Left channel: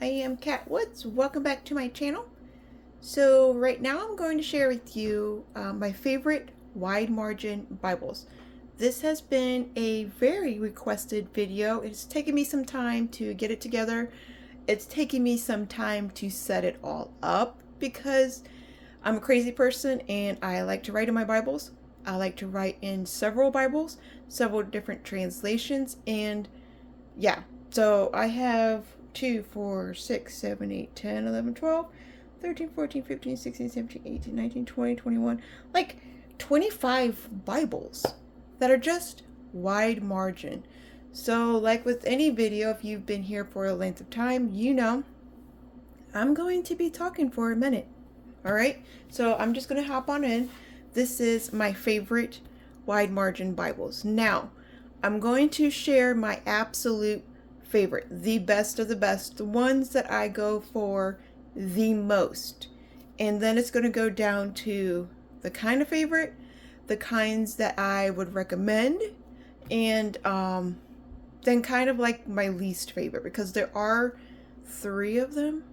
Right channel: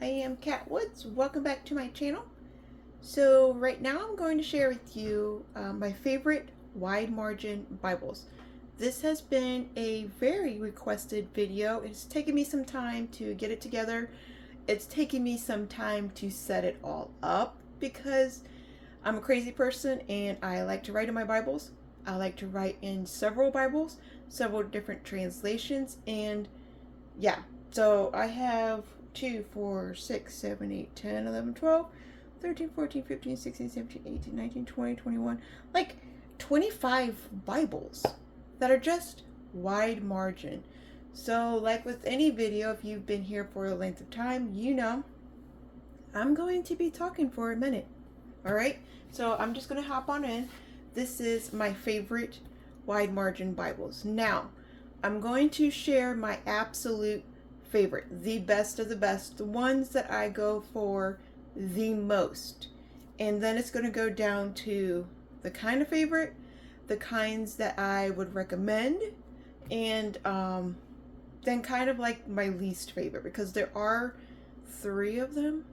I am Kat Woods. Welcome back to my channel. So right now I'm going to share with you my favorite wide margin Bibles. This has been a very requested video. It's taken me some time to get it together. It's taken me some time to set it all up because I'm a crazy person and I like to write in my Bibles. I like to write in several Bibles, several different translations, and yeah. So I have 2, 4, 6, 7, 8, 10, 11, 12, 13, 14, 15, 16, 17, 18, 19, 20, 21, like 25 Bibles that are just wide margin. So like with any video, if you've been here for a length of time, you know I'm going to be talking for a minute. All right, so I'm just going to hop on in. This is my favorite wide margin Bibles. Now, I'm going to share my absolute favorite, the best of the best, the ones that I go for the most. And then it's going to go down to the kind of favorite, the kinds that I would recommend, and then kind of like my least favorite, because there are 3 of them,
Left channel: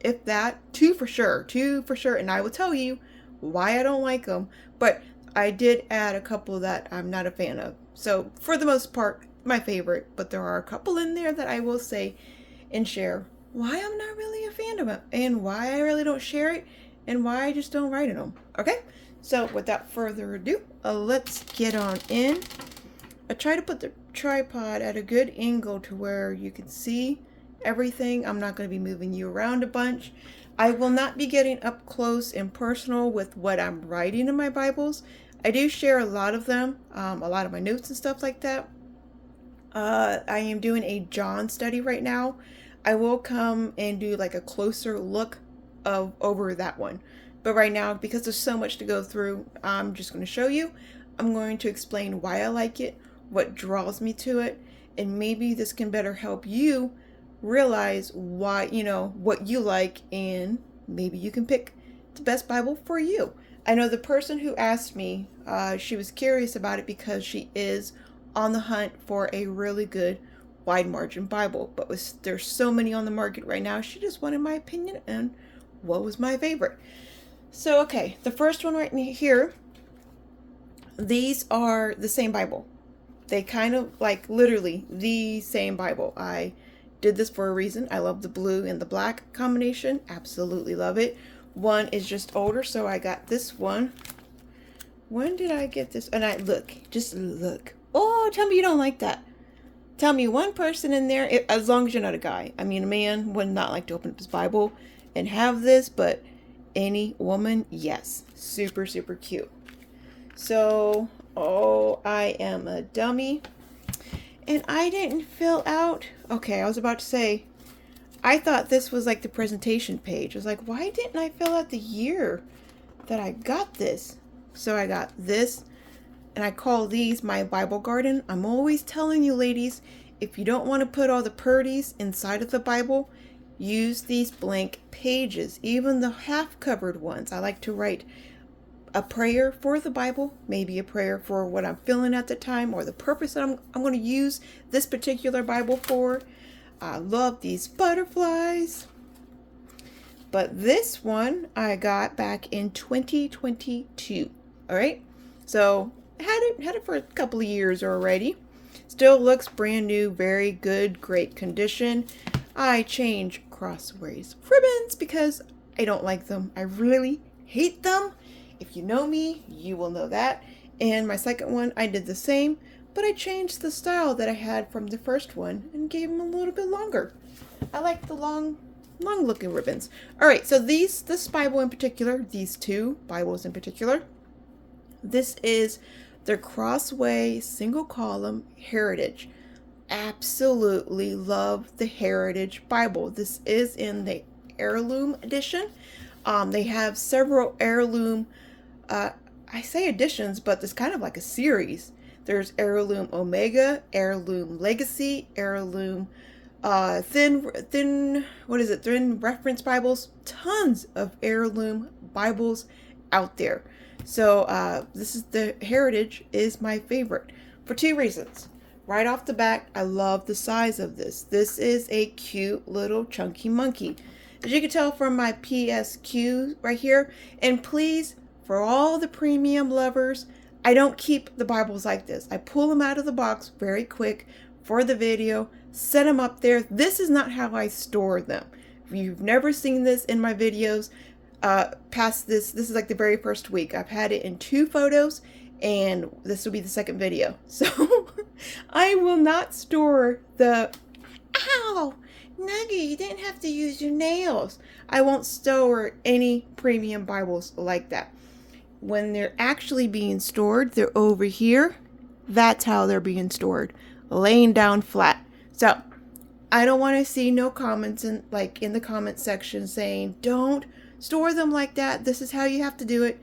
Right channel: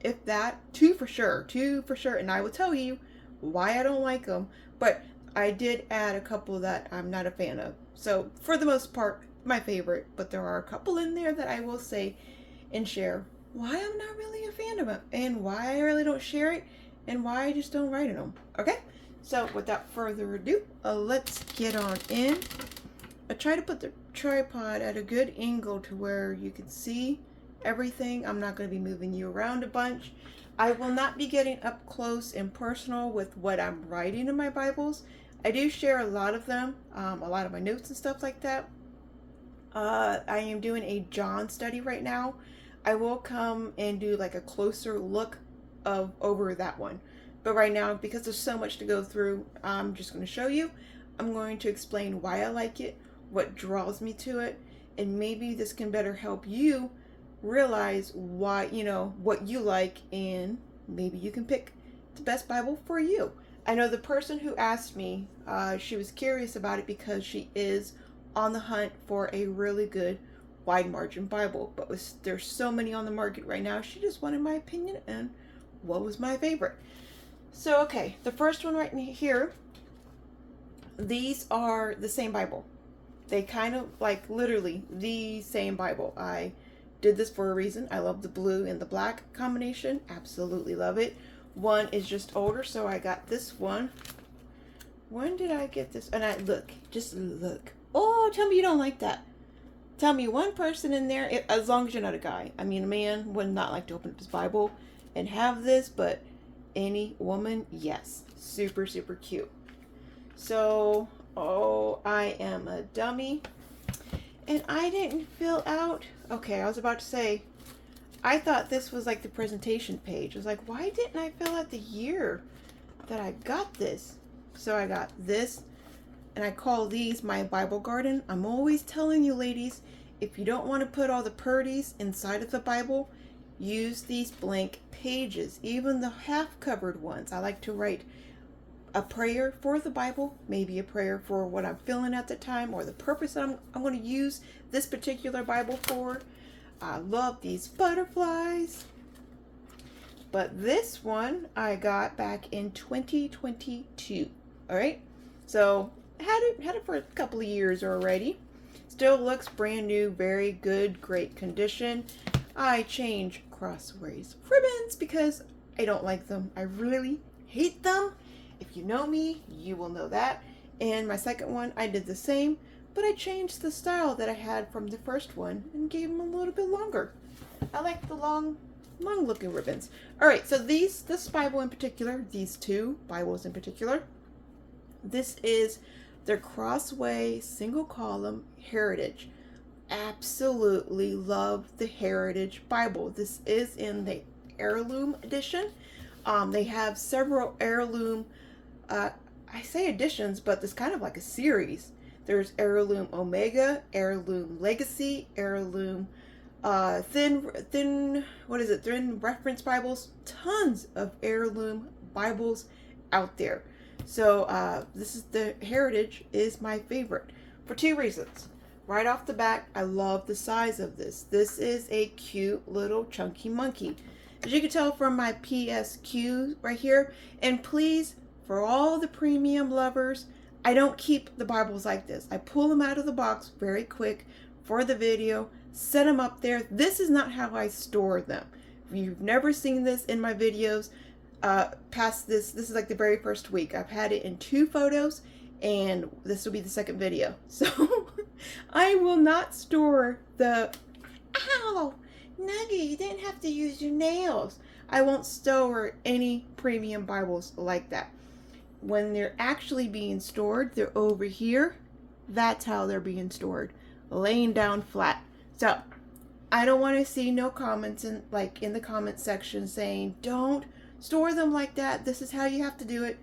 if that, 2 for sure, and I will tell you why I don't like them, but I did add a couple that I'm not a fan of. So for the most part, my favorite, but there are a couple in there that I will say and share why I'm not really a fan of them and why I really don't share it and why I just don't write in them. Okay, so without further ado, let's get on in. I try to put the tripod at a good angle to where you can see everything. I'm not going to be moving you around a bunch. I will not be getting up close and personal with what I'm writing in my Bibles. I do share a lot of them, a lot of my notes and stuff like that. I am doing a John study right now. I will come and do like a closer look of over that one. But right now, because there's so much to go through, I'm just going to show you. I'm going to explain why I like it, what draws me to it, and maybe this can better help you realize why, what you like, and maybe you can pick the best Bible for you. I know the person who asked me, she was curious about it because she is on the hunt for a really good wide margin Bible, but there's so many on the market right now, she just wanted my opinion and what was my favorite. So okay, the first one right here, these are the same Bible. They kind of like literally the same Bible. I did this for a reason. I love the blue and the black combination. Absolutely love it. One is just older, so I got this one. When did I get this? And just look. Oh, tell me you don't like that. Tell me one person in there, as long as you're not a guy. I mean, a man would not like to open up his Bible and have this, but any woman, yes. Super, super cute. So, oh, I am a dummy. And I didn't fill out. Okay, I was about to say, I thought this was like the presentation page. I was like, why didn't I fill out the year that I got this? So I got this, and I call these my Bible garden. I'm always telling you, ladies, if you don't want to put all the purdies inside of the Bible, use these blank pages, even the half-covered ones. I like to write a prayer for the Bible, maybe a prayer for what I'm feeling at the time or the purpose that I'm going to use this particular Bible for. I love these butterflies. But this one I got back in 2022. All right, so had it for a couple of years already. Still looks brand new, very good, great condition. I change crossways ribbons because I don't like them. I really hate them. If you know me, you will know that. And my second one, I did the same, but I changed the style that I had from the first one and gave them a little bit longer. I like the long looking ribbons. All right, so this Bible in particular, these 2 Bibles in particular, this is their Crossway single column Heritage. Absolutely love the Heritage Bible. This is in the heirloom edition. They have several heirloom, I say editions, but it's kind of like a series. There's Heirloom Omega, Heirloom Legacy, Heirloom thin reference Bibles. Tons of heirloom Bibles out there. So this is the Heritage is my favorite for 2 reasons. right off the bat, I love the size of this. This is a cute little chunky monkey. As you can tell from my PSQ right here, and please, for all the premium lovers, I don't keep the Bibles like this. I pull them out of the box very quick for the video, set them up there. This is not how I store them. If you've never seen this in my videos, past this is like the very first week. I've had it in 2 photos, and this will be the second video. So I will not store the, ow, Nugget, you didn't have to use your nails. I won't store any premium Bibles like that. When they're actually being stored, they're over here. That's how they're being stored, laying down flat. So I don't want to see no comments in the comment section saying, don't store them like that. This is how you have to do it.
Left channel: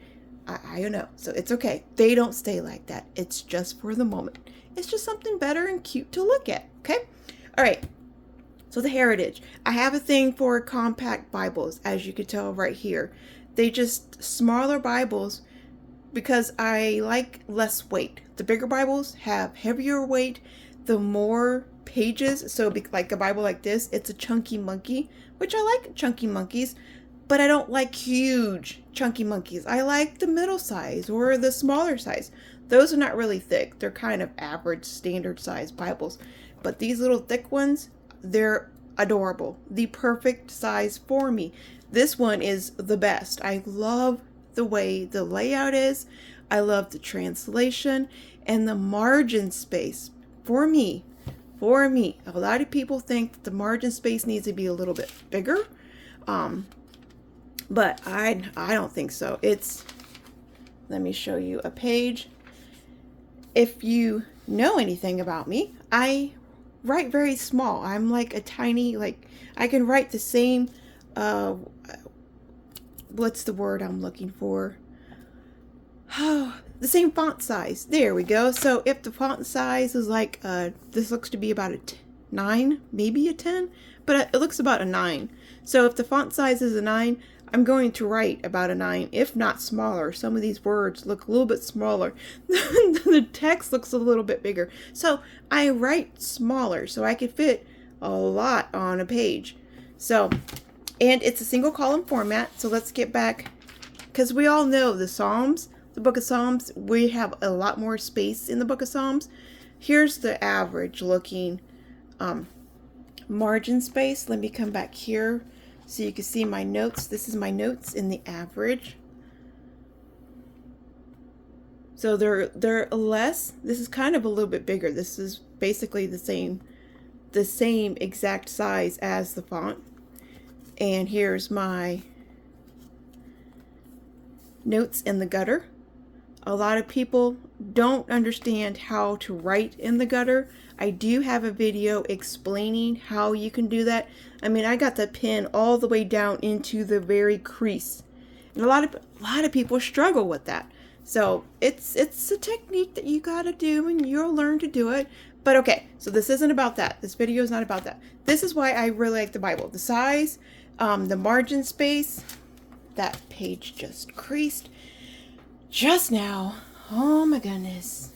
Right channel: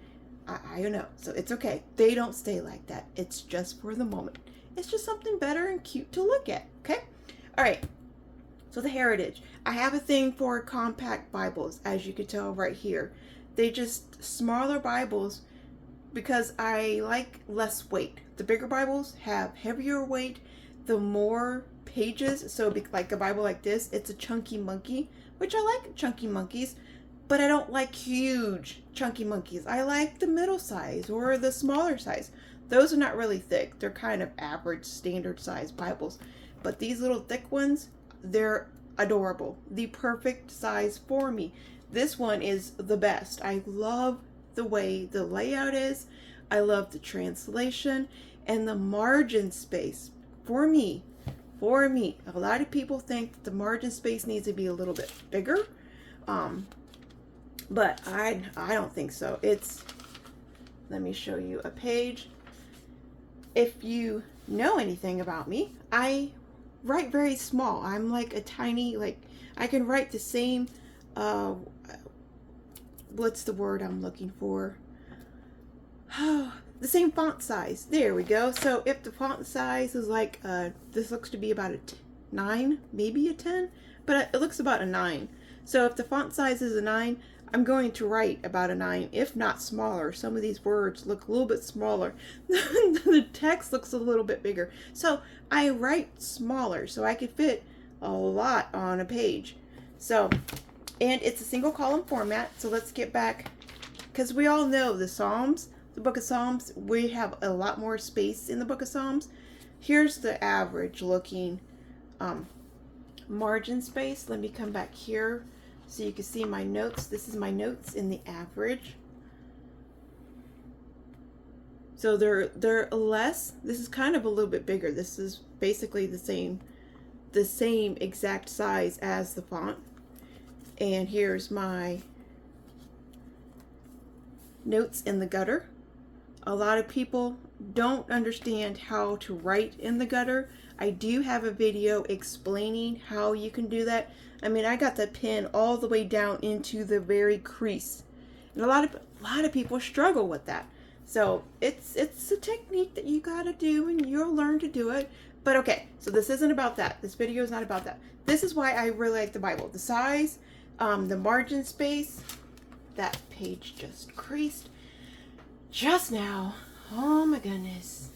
I don't know. So it's okay. They don't stay like that. It's just for the moment. It's just something better and cute to look at. Okay. All right. So the Heritage. I have a thing for compact Bibles, as you can tell right here. They just smaller Bibles because I like less weight. The bigger Bibles have heavier weight, the more pages. So like a Bible like this, it's a chunky monkey, which I like chunky monkeys, but I don't like huge chunky monkeys. I like the middle size or the smaller size. Those are not really thick. They're kind of average standard size Bibles. But these little thick ones, they're adorable. The perfect size for me. This one is the best. I love the way the layout is. I love the translation and the margin space. For me, a lot of people think that the margin space needs to be a little bit bigger. But I don't think so. Let me show you a page. If you know anything about me, I write very small. I'm like a tiny, I can write the same, what's the word I'm looking for? Oh, the same font size. There we go. So if the font size is like, this looks to be about a 9, maybe a 10, but it looks about a 9. So if the font size is a 9, I'm going to write about a 9, if not smaller. Some of these words look a little bit smaller. The text looks a little bit bigger. So I write smaller so I could fit a lot on a page. So, and it's a single column format. So let's get back, because we all know the Psalms, the book of Psalms, we have a lot more space in the book of Psalms. Here's the average looking margin space. Let me come back here so you can see my notes. This is my notes in the average. So they're less. This is kind of a little bit bigger. This is basically the same exact size as the font. And here's my notes in the gutter. A lot of people don't understand how to write in the gutter. I do have a video explaining how you can do that. I mean, I got the pen all the way down into the very crease. And a lot of people struggle with that. So it's a technique that you gotta do, and you'll learn to do it. But okay, so this isn't about that. This video is not about that. This is why I really like the Bible. The size, the margin space. That page just creased just now. Oh my goodness.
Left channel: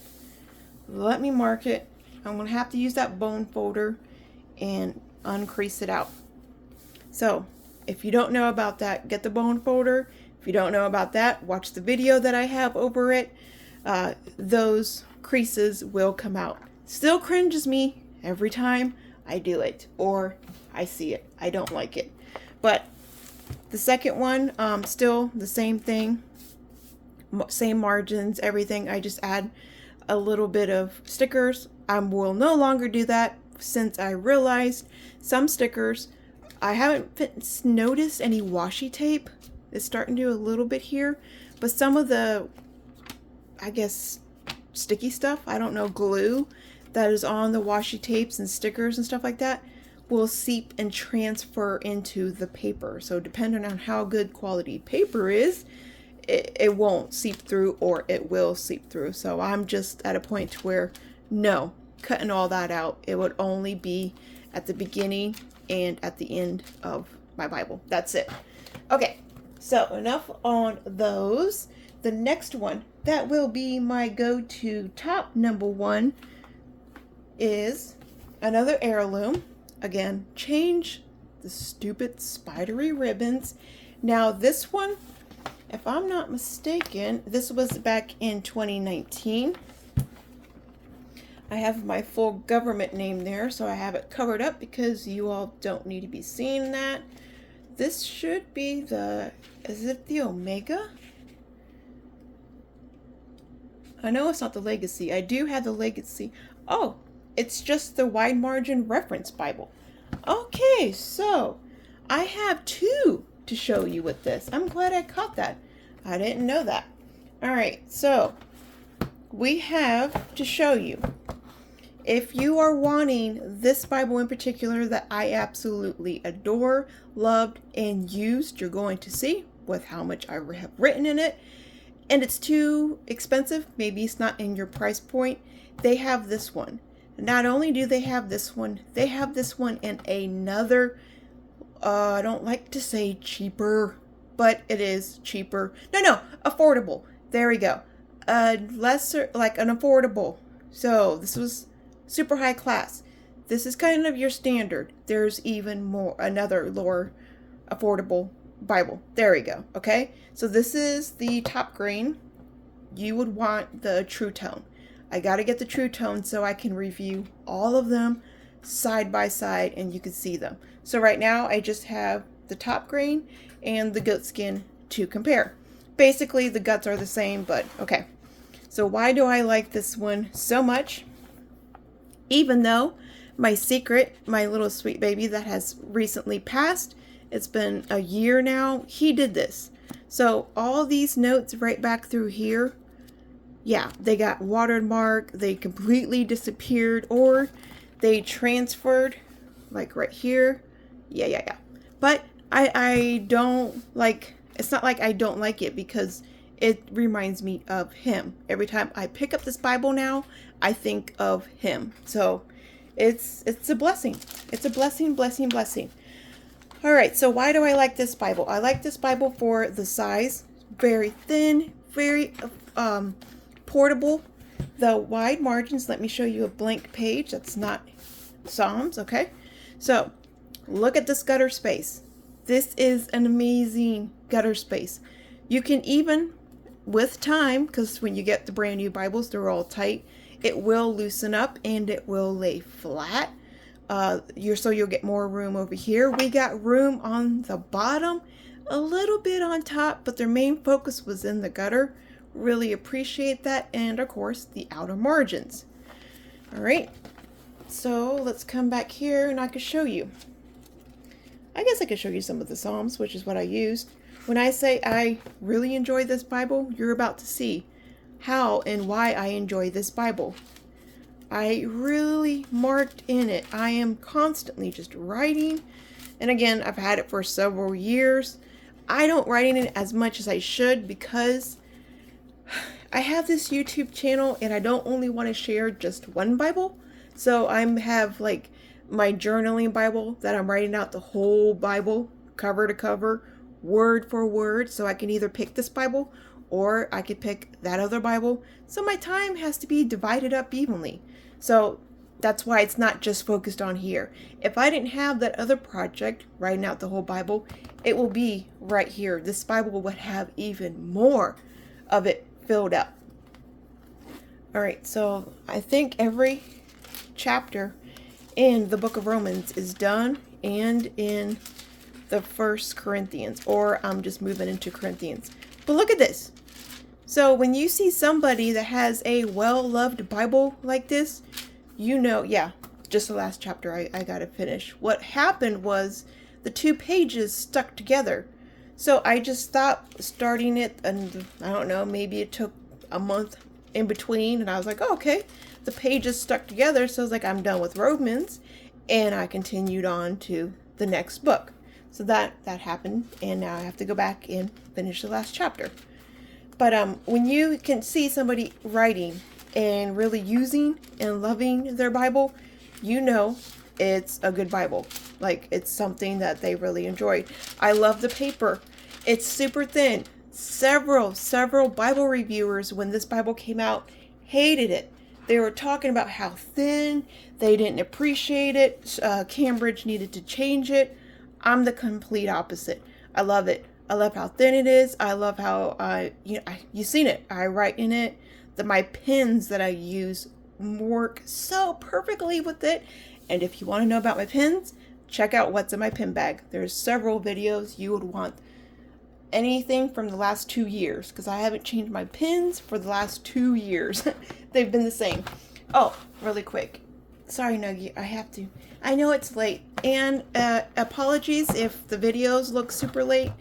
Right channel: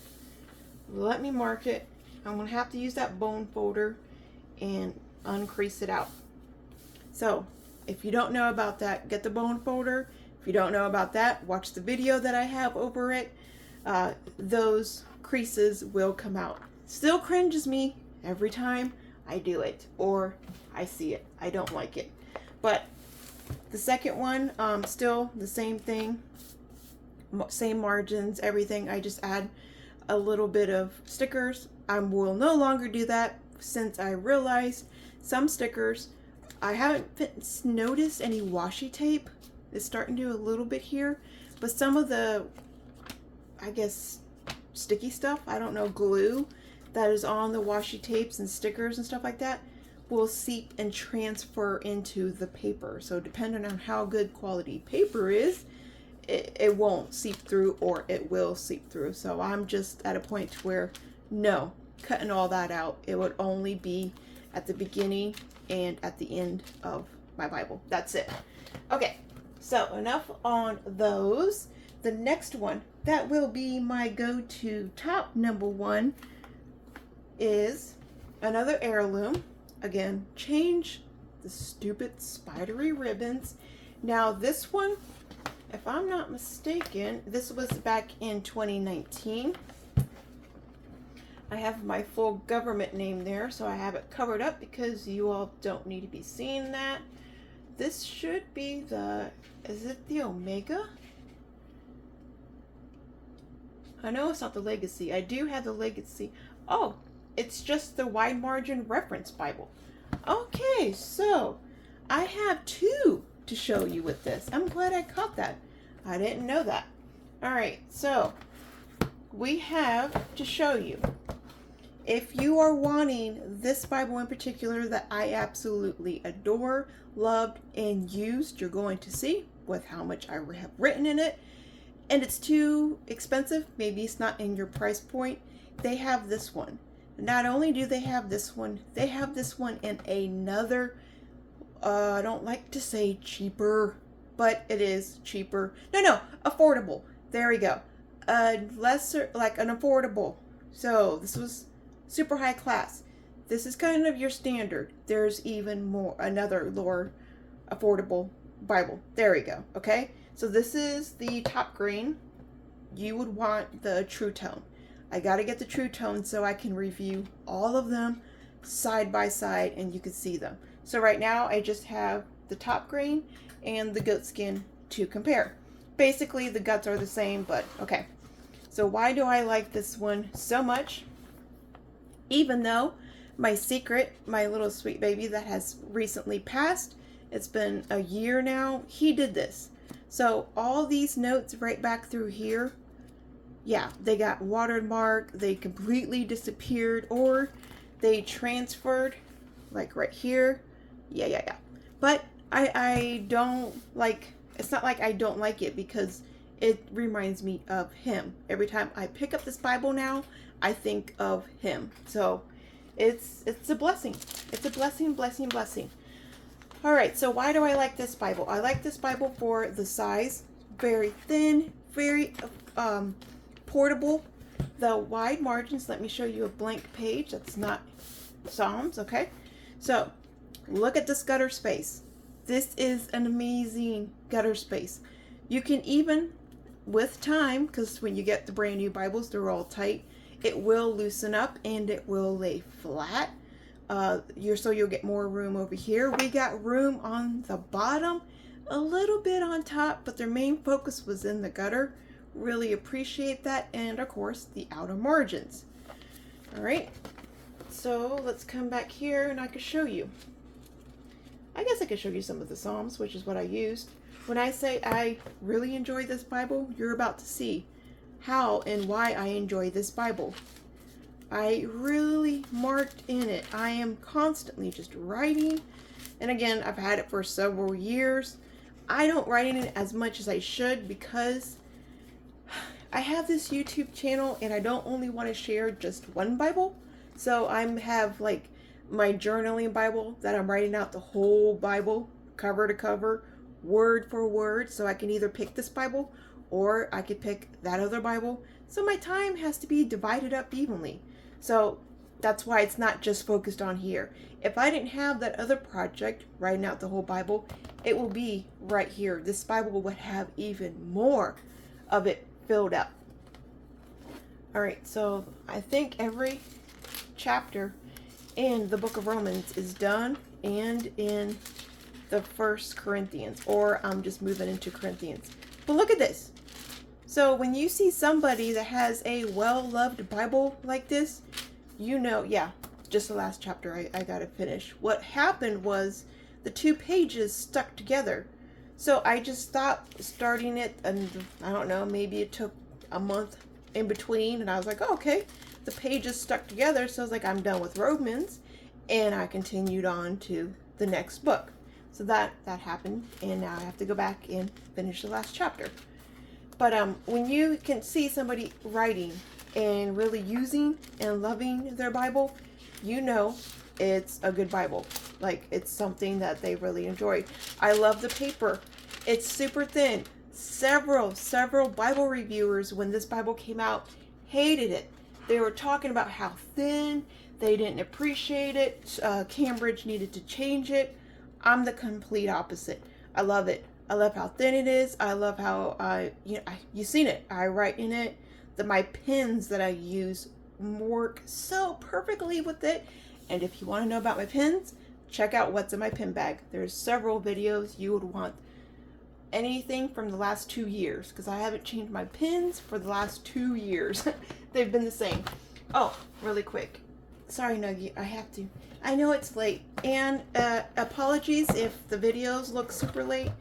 Let me mark it. I'm gonna have to use that bone folder and uncrease it out. So if you don't know about that, get the bone folder. If you don't know about that, watch the video that I have over it. Those creases will come out. Still cringes me every time I do it or I see it. I don't like it. But the second one, still the same thing. Same margins, everything. I just add a little bit of stickers. I will no longer do that since I realized some stickers, I haven't noticed any washi tape. It's starting to do a little bit here, but some of the, I guess, sticky stuff, I don't know, glue that is on the washi tapes and stickers and stuff like that will seep and transfer into the paper. So depending on how good quality paper is, it won't seep through, or it will seep through. So I'm just at a point where no, cutting all that out. It would only be at the beginning and at the end of my Bible. That's it. Okay, so enough on those. The next one, that will be my go-to top number one is another heirloom. Again, change the stupid spidery ribbons. Now this one, if I'm not mistaken, this was back in 2019. I have my full government name there, so I have it covered up because you all don't need to be seeing that. This should be the, is it the Omega? I know it's not the Legacy. I do have the Legacy. Oh, it's just the Wide Margin Reference Bible. Okay, so I have two to show you with this. I'm glad I caught that. I didn't know that. All right, so we have to show you. If you are wanting this Bible in particular that I absolutely adore, loved, and used, you're going to see with how much I have written in it, and it's too expensive, maybe it's not in your price point, they have this one. Not only do they have this one, they have this one in another, I don't like to say cheaper, but it is cheaper. No, affordable. There we go. Lesser, like an affordable. So this was super high class. This is kind of your standard. There's even more, another lower affordable Bible. There we go. Okay. So this is the top grain. You would want the True Tone. I got to get the True Tone so I can review all of them side by side and you can see them. So right now I just have the top grain and the goat skin to compare. Basically the guts are the same, but okay. So why do I like this one so much? Even though my secret, my little sweet baby that has recently passed, it's been a year now, he did this. So all these notes right back through here, yeah, they got watermark, they completely disappeared, or they transferred, like right here. Yeah. But I don't like, it's not like I don't like it because it reminds me of him. Every time I pick up this Bible now, I think of him. So it's a blessing. It's a blessing. All right, so why do I like this Bible? I like this Bible for the size, very thin, very portable. The wide margins, let me show you a blank page. That's not Psalms, okay? So look at this gutter space. This is an amazing gutter space. You can even, with time, because when you get the brand new Bibles, they're all tight, it will loosen up and it will lay flat. So you'll get more room over here. We got room on the bottom, a little bit on top, but their main focus was in the gutter. Really appreciate that. And of course, the outer margins. All right, so let's come back here and I can show you. I guess I could show you some of the Psalms, which is what I used. When I say I really enjoy this Bible, you're about to see how and why I enjoy this Bible. I really marked in it. I am constantly just writing. And again, I've had it for several years. I don't write in it as much as I should because I have this YouTube channel and I don't only want to share just one Bible. So I have like my journaling Bible that I'm writing out the whole Bible, cover to cover, word for word. So I can either pick this Bible or I could pick that other Bible. So my time has to be divided up evenly. So that's why it's not just focused on here. If I didn't have that other project, writing out the whole Bible, it will be right here. This Bible would have even more of it filled up. All right, so I think every chapter in the book of Romans is done and in the 1 Corinthians, or I'm just moving into Corinthians. But look at this. So when you see somebody that has a well-loved Bible like this, you know, yeah, just the last chapter I got to finish. What happened was the two pages stuck together. So I just stopped starting it, and I don't know, maybe it took a month in between, and I was like, oh, okay, the pages stuck together. So I was like, I'm done with Romans, and I continued on to the next book. So that happened, and now I have to go back and finish the last chapter. But when you can see somebody writing and really using and loving their Bible, you know it's a good Bible. Like, it's something that they really enjoyed. I love the paper. It's super thin. Several Bible reviewers, when this Bible came out, hated it. They were talking about how thin They didn't appreciate it. Cambridge needed to change it. I'm the complete opposite. I love it. I love how thin it is. I love how you've seen it. I write in it. My pens that I use work so perfectly with it. And if you want to know about my pens, check out what's in my pen bag. There's several videos you would want. Anything from the last 2 years, because I haven't changed my pens for the last 2 years. They've been the same. Oh, really quick. Sorry, Nogi, I have to. I know it's late, and apologies if the videos look super late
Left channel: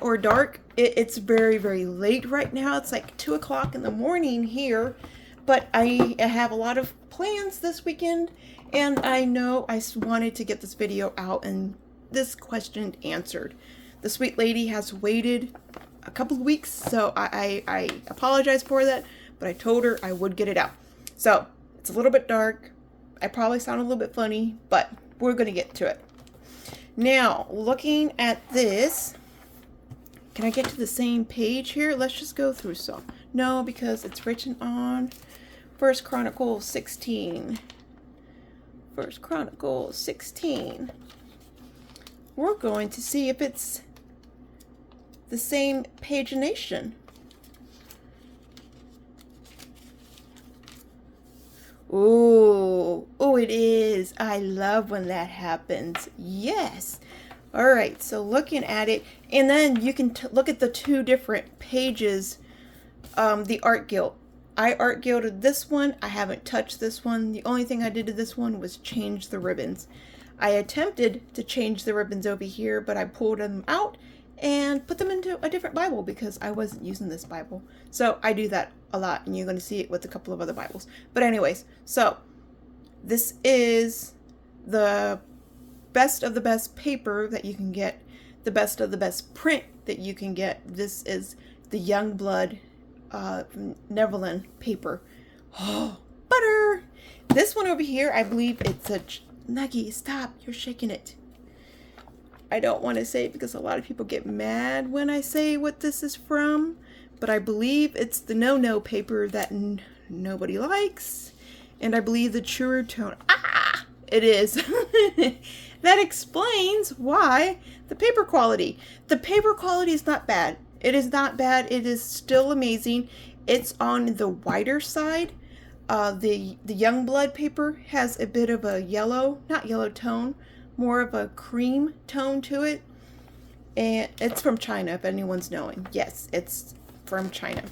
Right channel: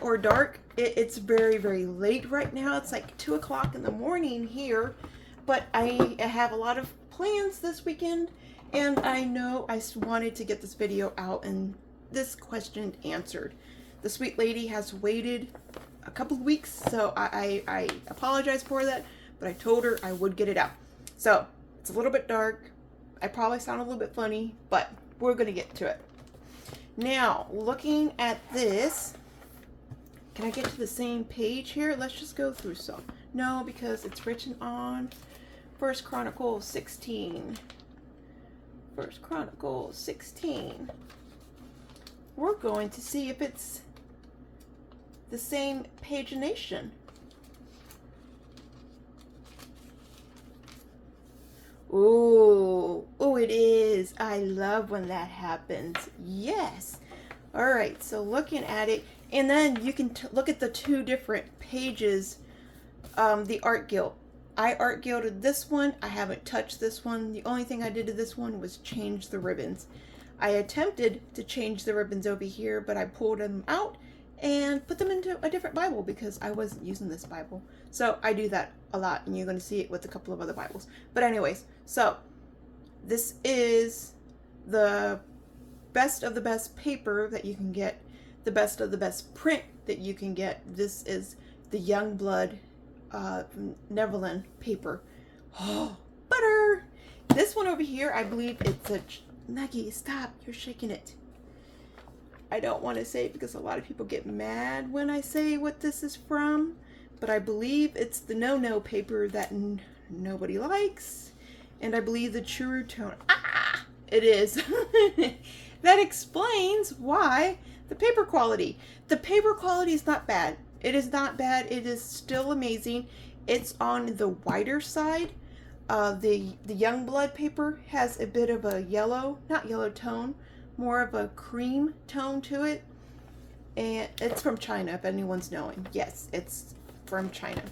or dark. It's very, very late right now. It's like 2 o'clock in the morning here, but I have a lot of plans this weekend, and I know I wanted to get this video out and this question answered. The sweet lady has waited a couple of weeks, so I apologize for that, but I told her I would get it out. So it's a little bit dark. I probably sound a little bit funny, but we're going to get to it. Now, looking at this, can I get to the same page here? Let's just go through some. No, because it's written on 1 Chronicles 16. 1 Chronicles 16. We're going to see if it's the same pagination. Ooh, it is. I love when that happens. Yes. All right, so looking at it, and then you can look at the two different pages, the art guild. I art gilded this one. I haven't touched this one. The only thing I did to this one was change the ribbons. I attempted to change the ribbons over here, but I pulled them out and put them into a different Bible because I wasn't using this Bible. So I do that a lot, and you're going to see it with a couple of other Bibles. But anyways, so this is the best of the best paper that you can get, the best of the best print that you can get. This is the Youngblood Netherlands paper. Oh, butter! This one over here, I believe it's a... Nuggy, stop. You're shaking it. I don't want to say it because a lot of people get mad when I say what this is from, but I believe it's the no-no paper that nobody likes, and I believe the truer tone. Ah! It is. That explains why the paper quality. The paper quality is not bad. It is not bad. It is still amazing. It's on the whiter side. The Youngblood paper has a bit of a yellow, not yellow tone, more of a cream tone to it. And it's from China, if anyone's knowing. Yes, it's from China.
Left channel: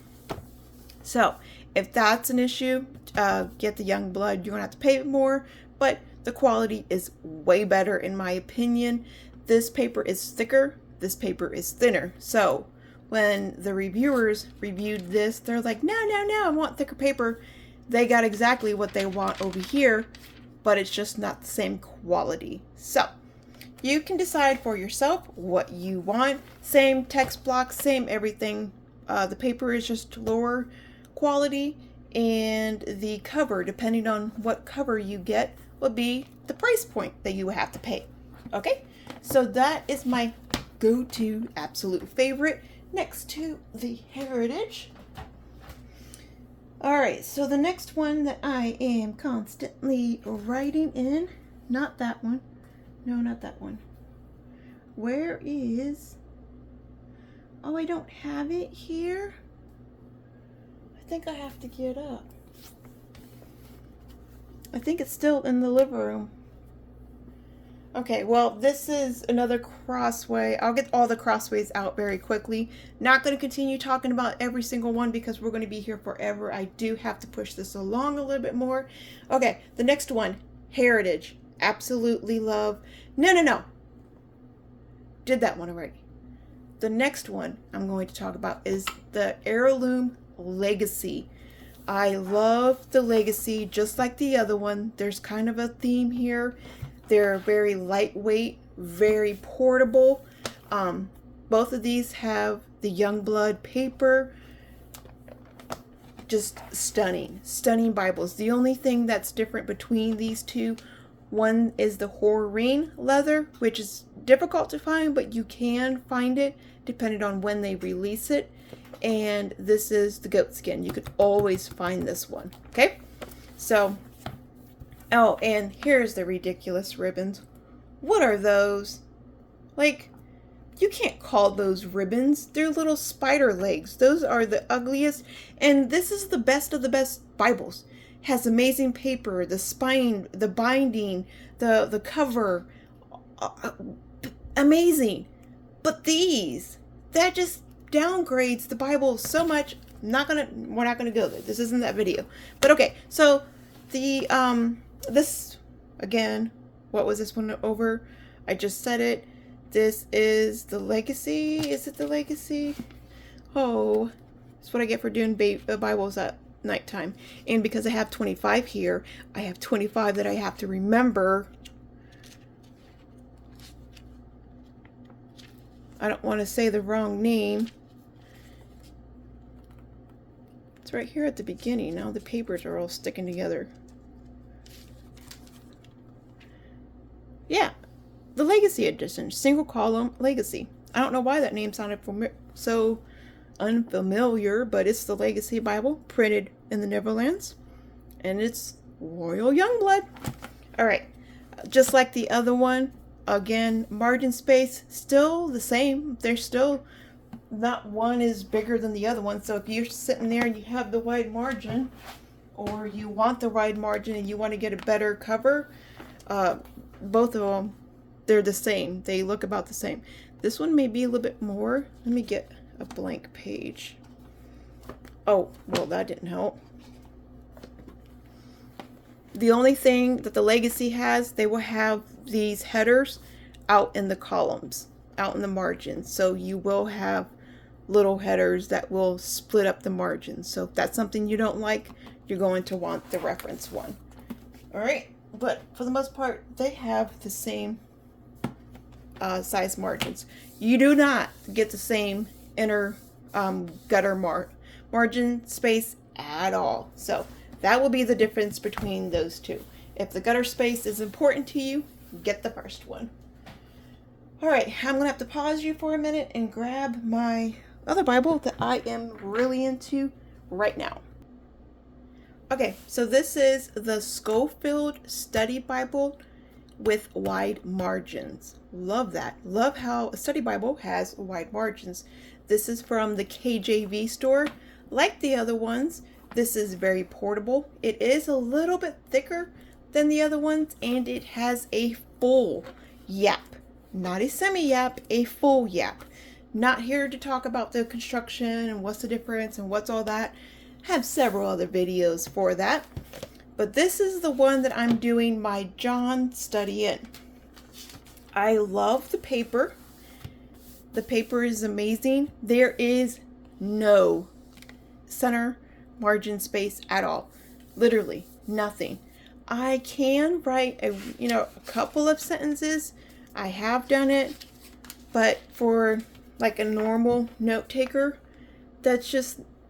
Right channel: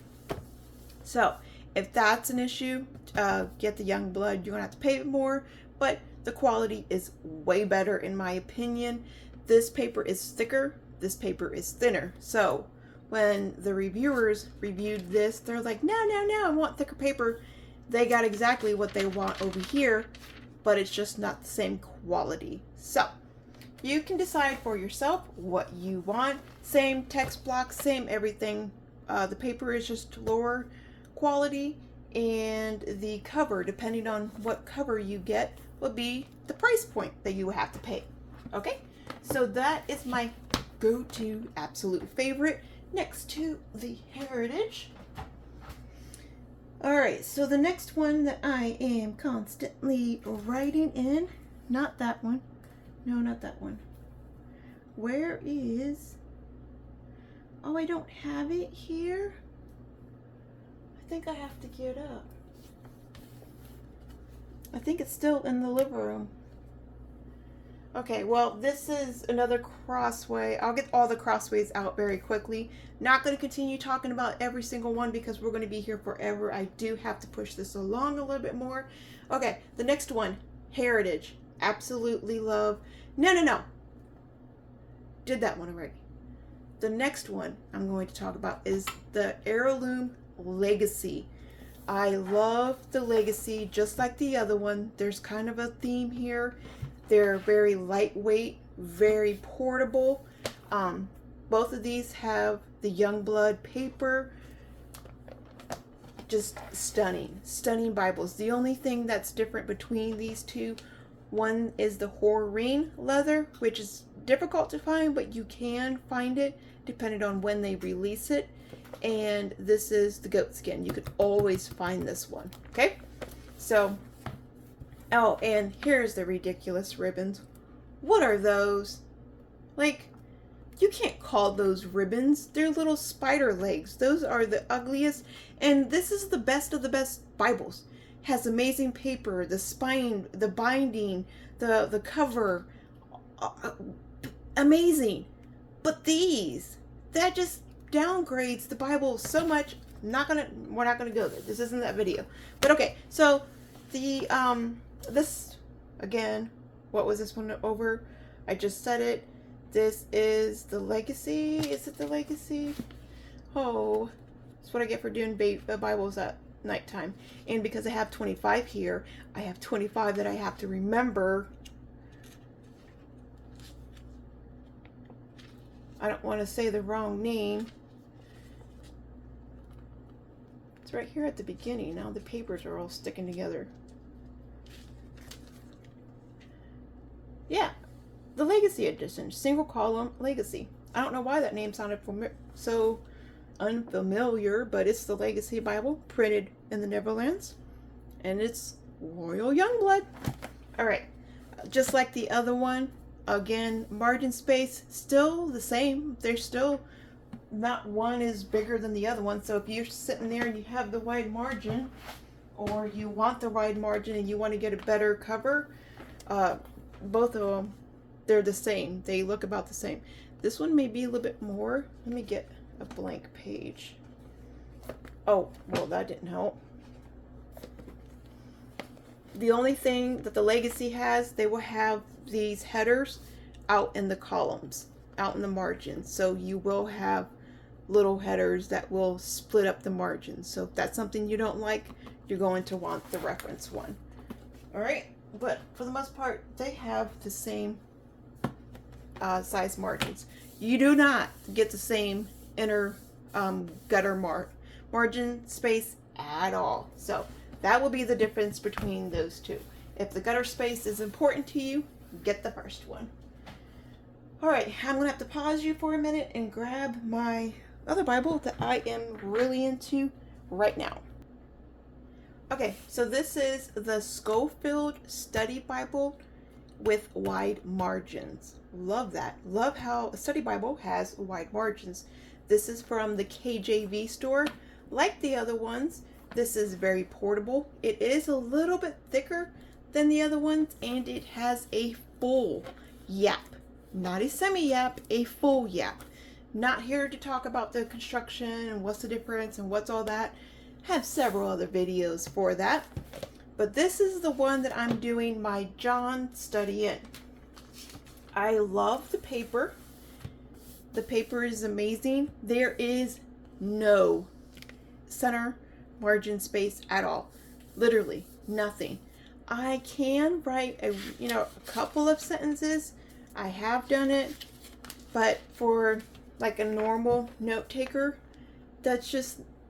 So, if that's an issue, get the Youngblood. You're going to have to pay more, but the quality is way better in my opinion. This paper is thicker. This paper is thinner. So, when the reviewers reviewed this, they're like, no, I want thicker paper. They got exactly what they want over here, but it's just not the same quality. So, you can decide for yourself what you want. Same text block, same everything. The paper is just lower quality, and the cover, depending on what cover you get, will be the price point that you will have to pay. Okay, so that is my go-to absolute favorite next to the Heritage. Alright, so the next one that I am constantly writing in, not that one, no, not that one. Where is, oh, I don't have it here. I think I have to get up. I think it's still in the living room. Okay, well, this is another crossway. I'll get all the crossways out very quickly. Not going to continue talking about every single one because we're going to be here forever. I do have to push this along a little bit more. Okay, the next one, Heritage. Absolutely love. No. Did that one already. The next one I'm going to talk about is the Heirloom Legacy. I love the Legacy just like the other one. There's kind of a theme here. They're very lightweight, very portable. Both of these have the Youngblood paper. Just stunning Bibles. The only thing that's different between these two, one is the Horeen leather, which is difficult to find, but you can find it depending on when they release it. And this is the goat skin. You could always find this one. Okay, so Oh, and here's the ridiculous ribbons. What are those? Like, you can't call those ribbons. They're little spider legs. Those are the ugliest. And this is the best of the best Bibles. Has amazing paper, the spine, the binding, the cover. Amazing. But these, that just downgrades the Bible so much. We're not gonna go there. This isn't that video. But okay, so the this again, what was this one over? I just said it. This is the Legacy. Is it the Legacy? Oh, that's what I get for doing Bibles at nighttime. And because I have 25 here, I have 25 that I have to remember. I don't want to say the wrong name. It's right here at the beginning. Now the papers are all sticking together. Yeah, the Legacy Edition, single column Legacy. I don't know why that name sounded so unfamiliar, but it's the Legacy Bible, printed in the Netherlands, and it's Royal Youngblood. All right, just like the other one, again, margin space still the same. They're still not one is bigger than the other one. So if you're sitting there and you have the wide margin, or you want the wide margin and you want to get a better cover, both of them, they're the same. They look about the same. This one may be a little bit more. Let me get a blank page. Oh, well, that didn't help. The only thing that the Legacy has, they will have these headers out in the columns, out in the margins. So you will have little headers that will split up the margins. So if that's something you don't like, you're going to want the reference one. All right. But for the most part, they have the same size margins. You do not get the same inner gutter margin space at all. So that will be the difference between those two. If the gutter space is important to you, get the first one. All right, I'm gonna have to pause you for a minute and grab my other Bible that I am really into right now. Okay, so this is the Scullbuild Study Bible with wide margins. Love that. Love how a study Bible has wide margins. This is from the KJV store. Like the other ones, this is very portable. It is a little bit thicker than the other ones, and it has a full yap. Not a semi-yap, a full yap. Not here to talk about the construction and what's the difference and what's all that. Have several other videos for that, but this is the one that I'm doing my John study in. I love the paper. The paper is amazing. There is no center margin space at all. Literally nothing. I can write a couple of sentences. I have done it, but for like a normal note taker,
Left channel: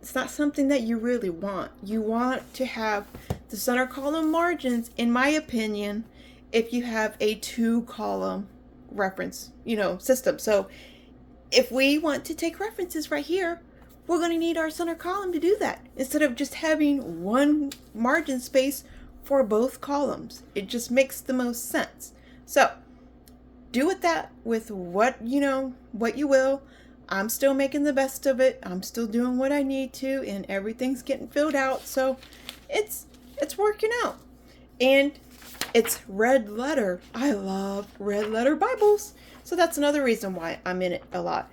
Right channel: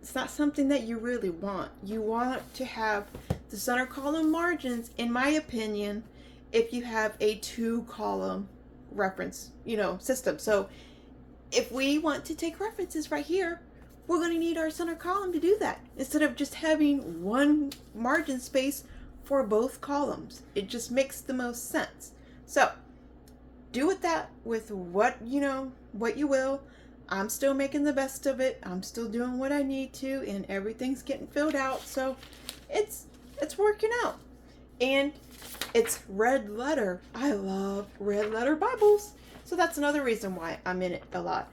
it's not something that you really want. You want to have the center column margins, in my opinion, if you have a 2-column reference, system. So if we want to take references right here, we're going to need our center column to do that, instead of just having one margin space for both columns. It just makes the most sense. So do with that with what you will. I'm still making the best of it. I'm still doing what I need to, and everything's getting filled out. So it's working out. And it's red letter. I love red letter Bibles. So that's another reason why I'm in it a lot.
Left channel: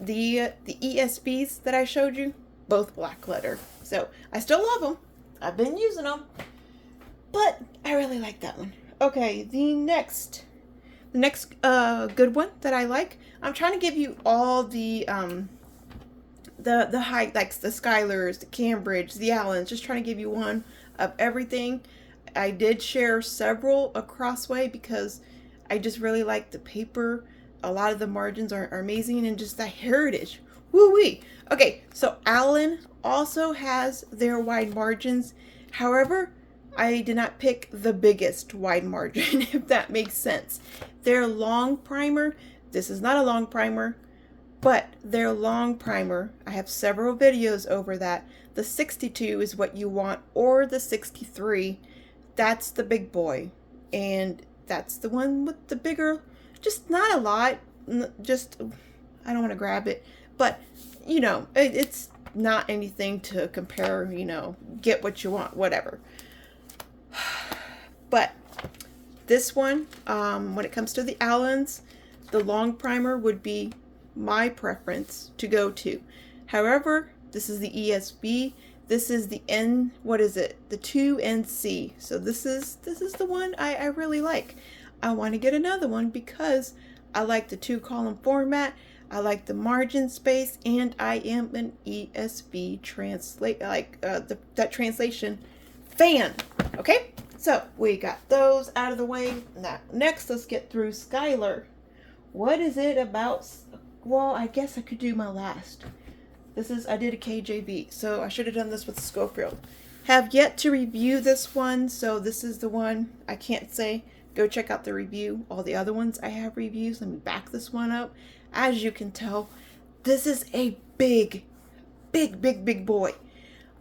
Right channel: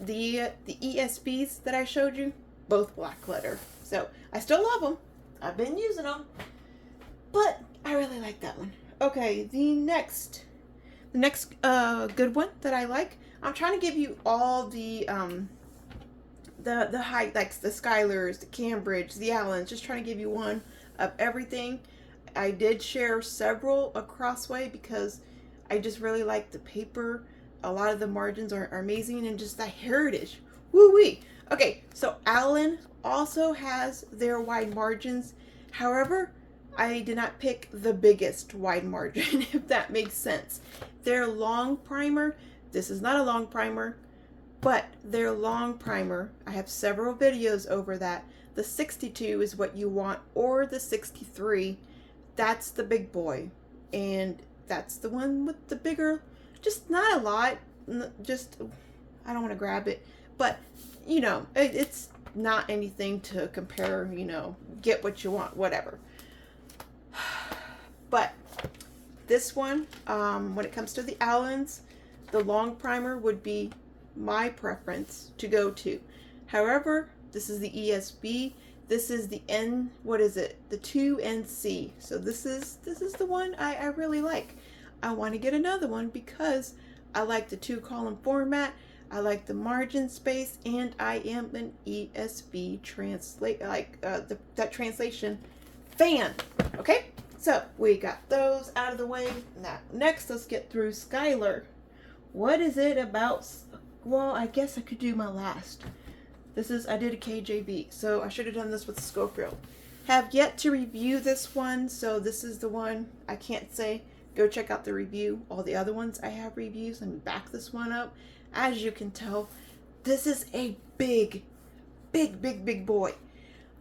The ESVs that I showed you, both black letter. So I still love them. I've been using them. But I really like that one. Okay, the next good one that I like, I'm trying to give you all the high, like the Skylers, the Cambridge, the Allens, just trying to give you one of everything. I did share several across way because I just really like the paper. A lot of the margins are amazing, and just that heritage. Woo-wee. Okay, so Allen also has their wide margins. However, I did not pick the biggest wide margin, if that makes sense. Their long primer, this is not a long primer, but their long primer, I have several videos over that. The 62 is what you want, or the 63. That's the big boy. And that's the one with the bigger, just not a lot, just, I don't want to grab it, but it's not anything to compare, get what you want, whatever. But this one, when it comes to the Allens, the long primer would be my preference to go to. However, this is the ESB. This is the N, what is it? The 2NC. So this is the one I really like. I want to get another one because I like the 2-column format. I like the margin space, and I am an ESV that translation fan. Okay? So we got those out of the way. Now, next, let's get through Skylar. What is it about? Well, I guess I could do my last. I did a KJV, so I should have done this with Schofield. Have yet to review this one, so this is the one I can't say. Go check out the review. All the other ones I have reviews. Let me back this one up. As you can tell, this is a big boy.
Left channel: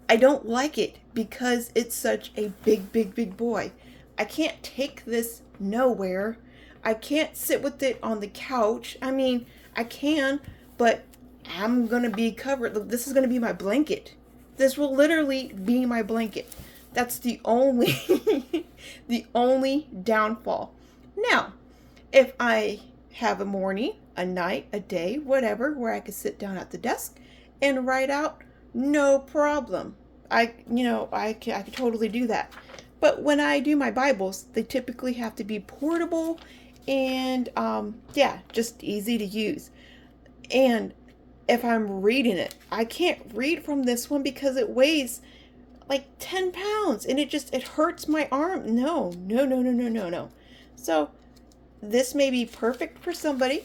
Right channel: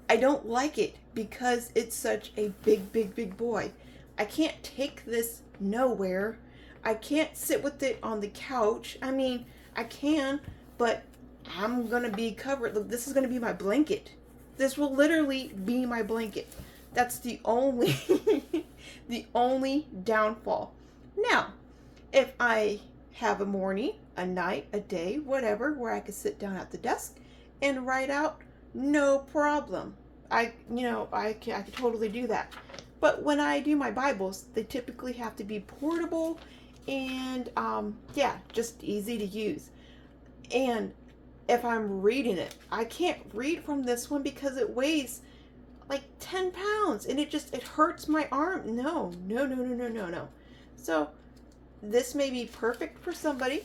I don't like it because it's such a big boy. I can't take this nowhere. I can't sit with it on the couch. I mean, I can, but I'm going to be covered. This is going to be my blanket. This will literally be my blanket. That's the only, the only downfall. Now, if I have a morning, a night, a day, whatever, where I could sit down at the desk and write out, no problem. I could totally do that. But when I do my Bibles, they typically have to be portable and, just easy to use. And if I'm reading it, I can't read from this one because it weighs like 10 pounds and it hurts my arm. No. So this may be perfect for somebody.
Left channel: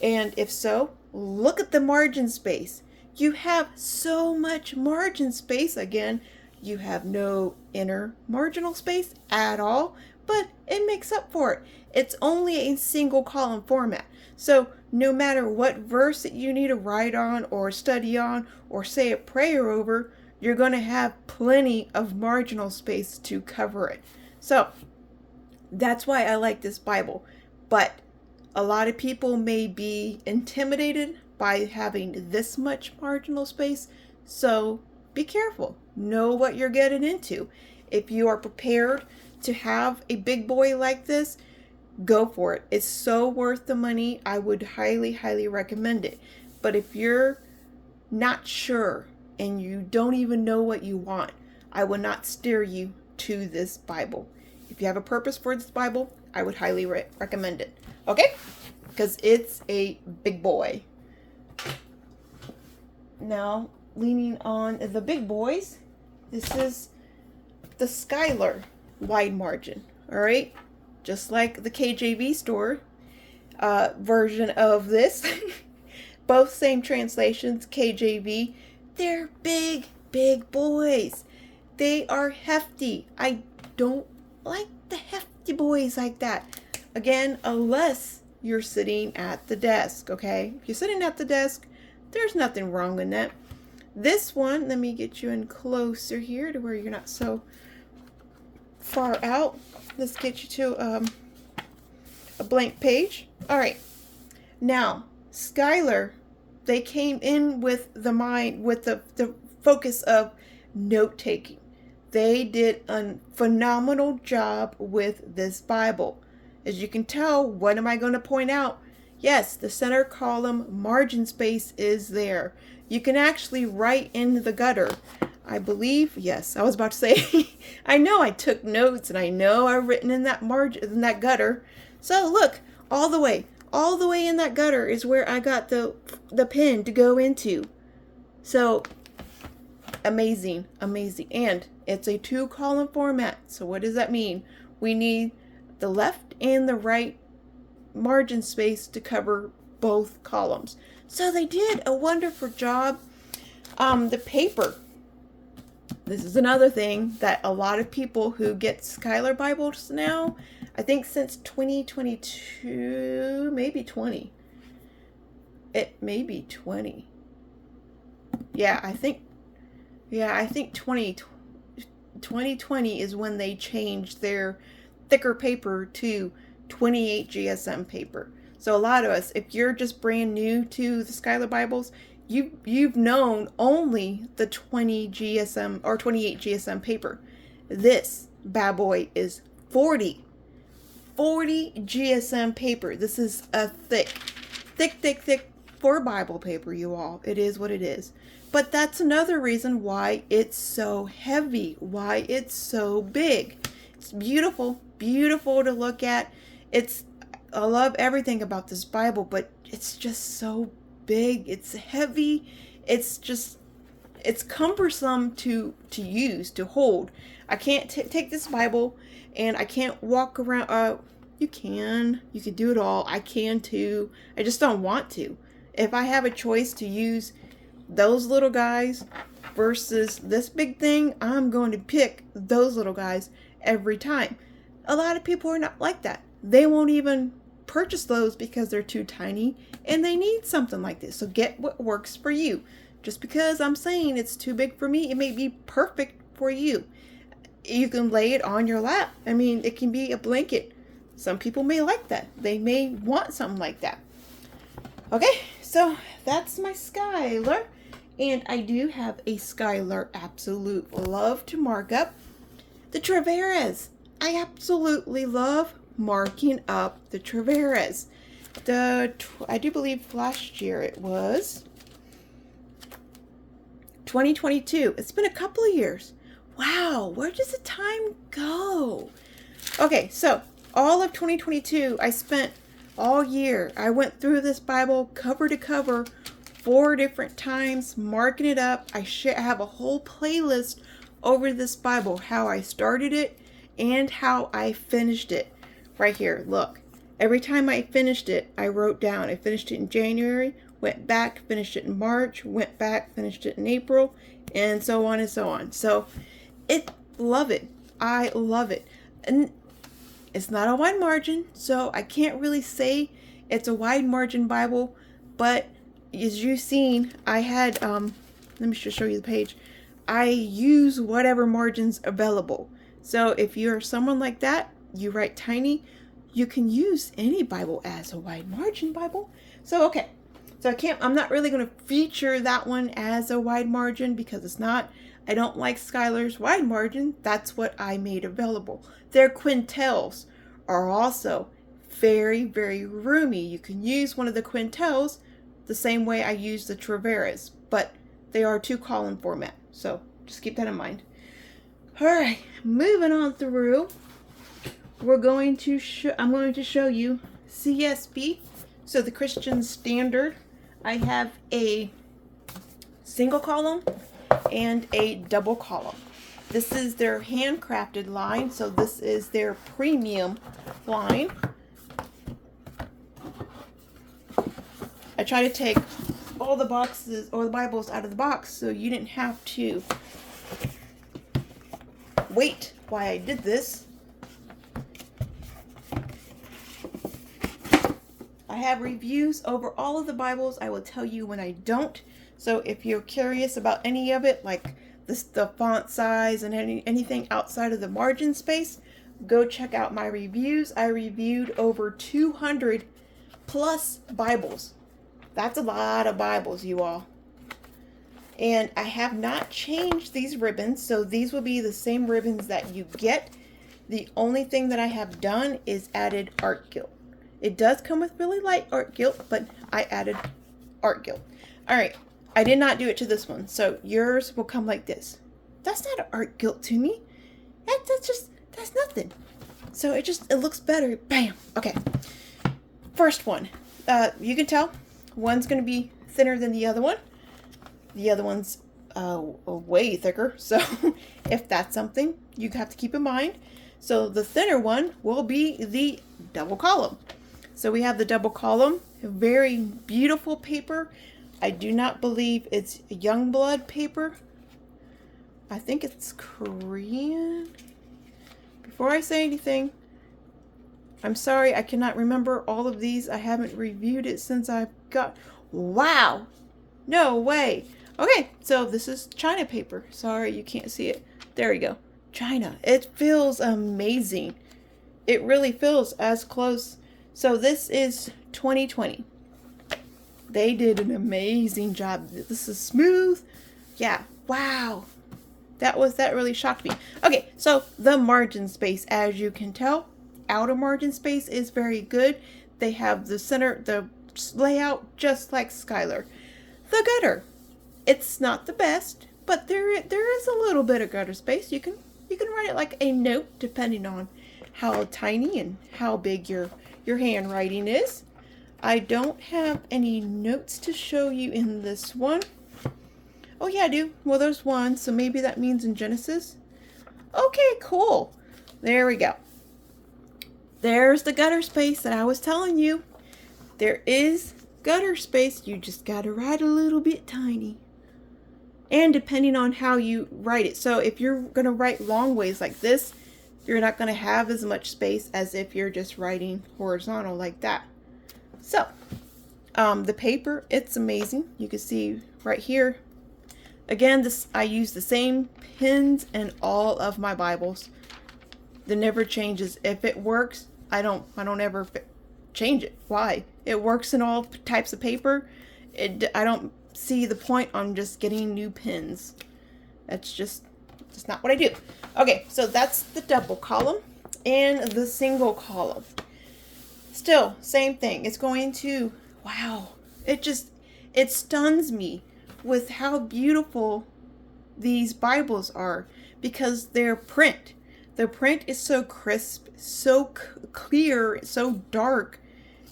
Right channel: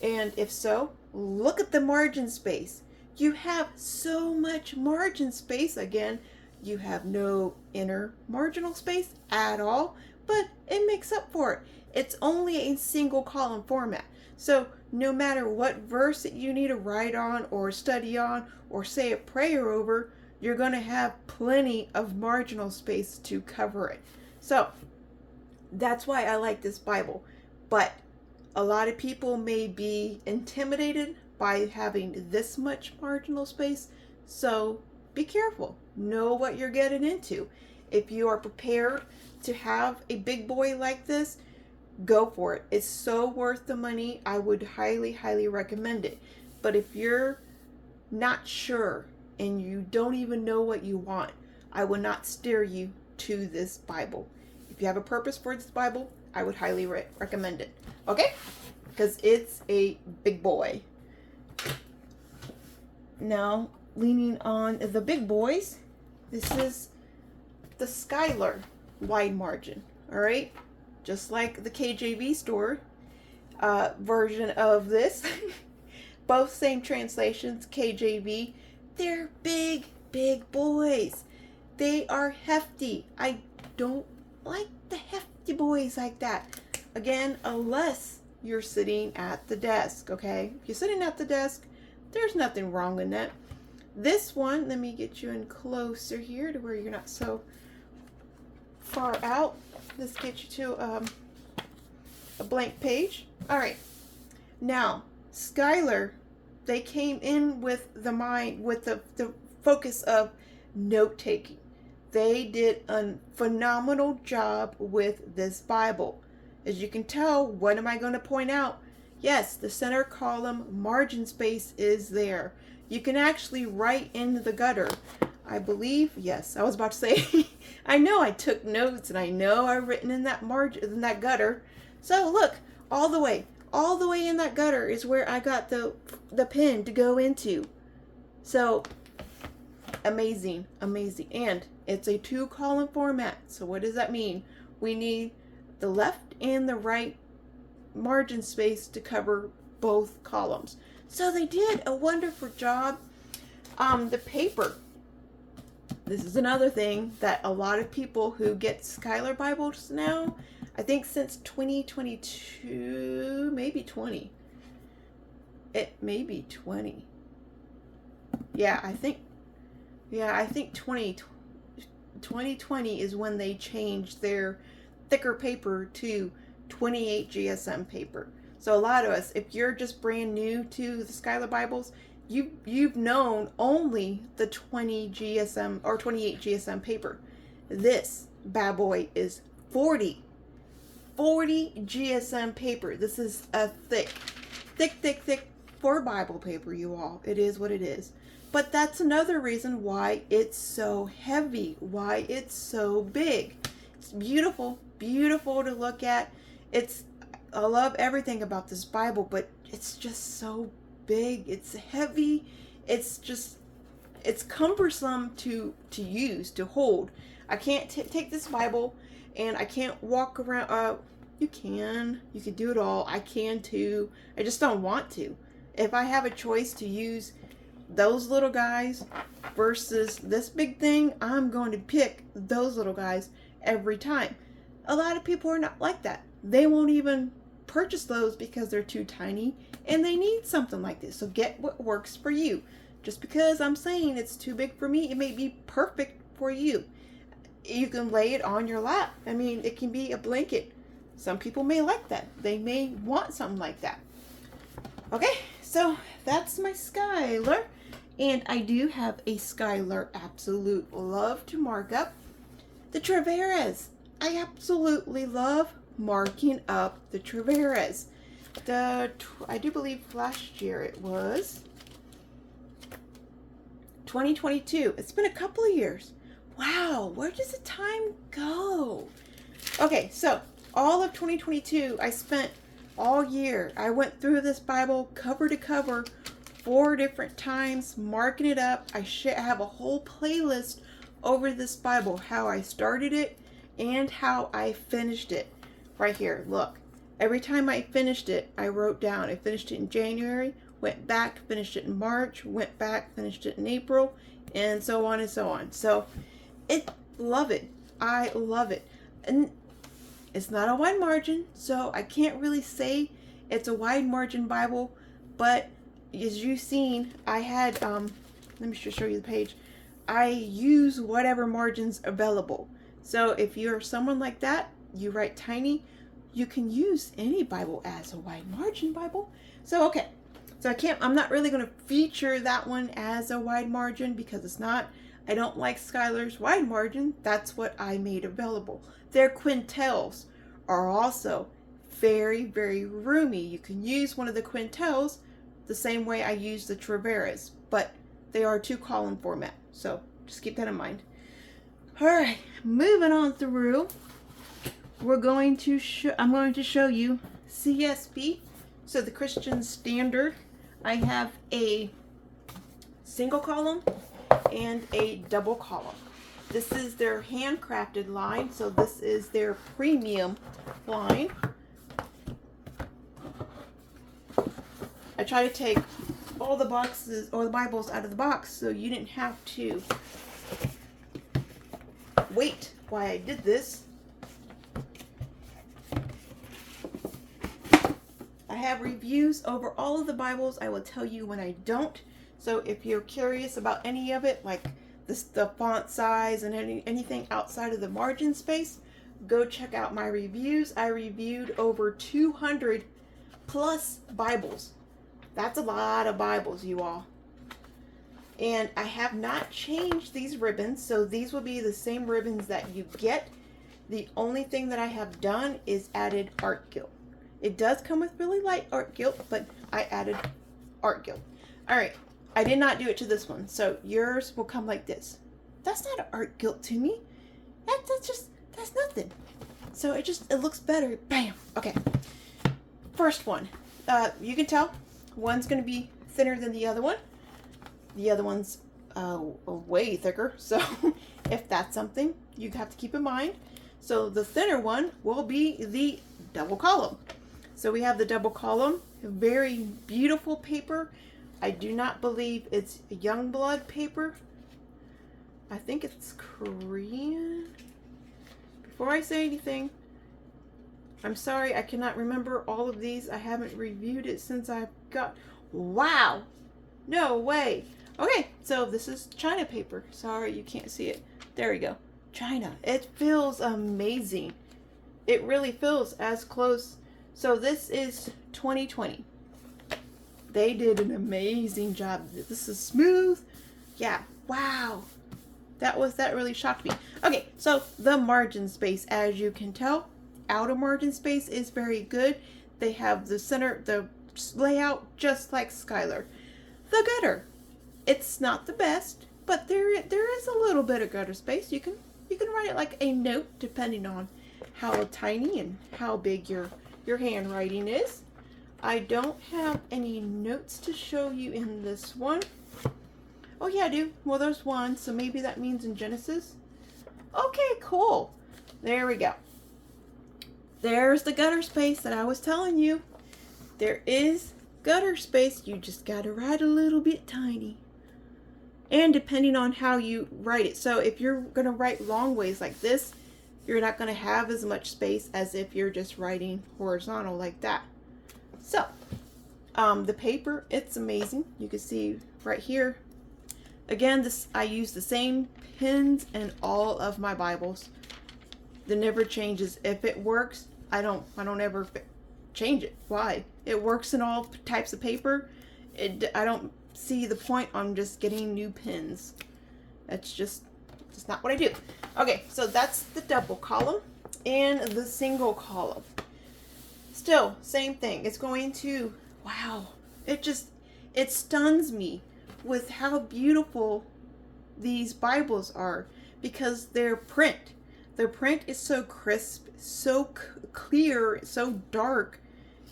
And if so, look at the margin space. You have so much margin space. Again, you have no inner marginal space at all, but it makes up for it. It's only a single column format. So no matter what verse that you need to write on or study on or say a prayer over, you're going to have plenty of marginal space to cover it. So that's why I like this Bible. But a lot of people may be intimidated by having this much marginal space. So be careful. Know what you're getting into. If you are prepared to have a big boy like this, go for it. It's so worth the money. I would highly recommend it. But if you're not sure and you don't even know what you want, I would not steer you to this Bible. If you have a purpose for this Bible, I would highly recommend it. Okay? Because it's a big boy. Now, leaning on the big boys, this is the Skylar wide margin. All right? Just like the KJV store version of this. Both same translations, KJV. They're big boys. They are hefty. I don't like the hefty boys like that. Again, unless you're sitting at the desk, okay? If you're sitting at the desk, there's nothing wrong with that. This one, let me get you in closer here to where you're not so far out. Let's get you to a blank page. All right. Now, Skylar, they came in with the focus of note taking. They did a phenomenal job with this Bible. As you can tell, what am I going to point out? Yes, the center column margin space is there. You can actually write in the gutter. I believe, yes, I was about to say, I know I took notes and I know I've written in that margin, in that gutter. So look, all the way in that gutter is where I got the pen to go into. So amazing. And it's a 2-column format. So what does that mean? We need the left and the right margin space to cover both columns. So they did a wonderful job. The paper. This is another thing that a lot of people who get Skylar Bibles now, I think since 2022, maybe 20. It may be 20. I think 2020 is when they changed their thicker paper to 28 GSM paper. So a lot of us, if you're just brand new to the Skylar Bibles, you've known only the 20 GSM or 28 GSM paper. This bad boy is 40 GSM paper. This is a thick for Bible paper, you all. It is what it is. But that's another reason why it's so heavy, why it's so big. It's beautiful to look at. I love everything about this Bible, but it's just so big. It's heavy. It's cumbersome to use, to hold. I can't take this Bible and I can't walk around. You can do it all. I can too. I just don't want to. If I have a choice to use those little guys versus this big thing, I'm going to pick those little guys every time. A lot of people are not like that. They won't even purchase those because they're too tiny and they need something like this. So get what works for you. Just because I'm saying it's too big for me, it may be perfect for you. You can lay it on your lap. I mean, it can be a blanket. Some people may like that. They may want something like that. Okay, so that's my Skylar. And I do have a Skylar absolute love to mark up. The Traveras. I absolutely love marking up the Traveras. I do believe last year it was 2022. It's been a couple of years. Wow, where does the time go? Okay, so all of 2022, I spent all year. I went through this Bible cover to cover 4 different times, marking it up. I have a whole playlist over this Bible, how I started it and how I finished it. Right here, look. Every time I finished it, I wrote down. I finished it in January, went back, finished it in March, went back, finished it in April, and so on and so on. So, love it. I love it. And it's not a wide margin, so I can't really say it's a wide margin Bible, but as you've seen, I had, let me just show you the page. I use whatever margins available. So if you're someone like that, you write tiny, you can use any Bible as a wide margin Bible. So, okay. So I'm not really going to feature that one as a wide margin because it's not. I don't like Skylar's wide margin. That's what I made available. Their quintels are also very, very roomy. You can use one of the quintels the same way I use the Traveras, but they are 2-column format. So just keep that in mind. All right, moving on through. I'm going to show you CSB. So the Christian Standard. I have a single column and a double column. This is their handcrafted line, so this is their premium line. I try to take all the boxes or the Bibles out of the box so you didn't have to wait while I did this. I have reviews over all of the Bibles. I will tell you when I don't. So if you're curious about any of it, like the font size and anything outside of the margin space, go check out my reviews. I reviewed over 200 plus Bibles. That's a lot of Bibles, you all. And I have not changed these ribbons, so these will be the same ribbons that you get. The only thing that I have done is added art gilt. It does come with really light art gilt, but I added art gilt. All right, I did not do it to this one, so yours will come like this. That's not an art gilt to me. That's nothing. So it looks better. Bam. Okay. First one. You can tell one's going to be thinner than the other one. The other one's way thicker. So if that's something you have to keep in mind. So the thinner one will be the double column. So we have the double column, a very beautiful paper. I do not believe it's Youngblood paper. I think it's Korean. Before I say anything, I'm sorry, I cannot remember all of these. I haven't reviewed it since I've got... Wow! No way! Okay, so this is China paper. Sorry, you can't see it. There we go. China. It feels amazing. It really feels as close. So this is 2020. They did an amazing job. This is smooth. Yeah. Wow. That really shocked me. Okay, so the margin space, as you can tell, outer margin space is very good. They have the center, the layout just like Skylar. The gutter, it's not the best, but there is a little bit of gutter space. You can write it like a note depending on how tiny and how big your handwriting is. I don't have any notes to show you in this one. Oh yeah, I do. Well, there's one, so maybe that means in Genesis. Okay, cool. There we go. There's the gutter space that I was telling you. There is gutter space. You just gotta write a little bit tiny. And depending on how you write it. So if you're gonna write long ways like this, you're not gonna have as much space as if you're just writing horizontal like that. So, the paper, it's amazing. You can see right here. Again, I use the same pins in all of my Bibles. That never changes. If it works, I don't ever change it. Why? It works in all types of paper. I don't see the point on just getting new pins. That's just not what I do. Okay, so that's the double column and the single column. Still, same thing. It's going to, wow. It stuns me with how beautiful these Bibles are because their print. The print is so crisp, so clear, so dark.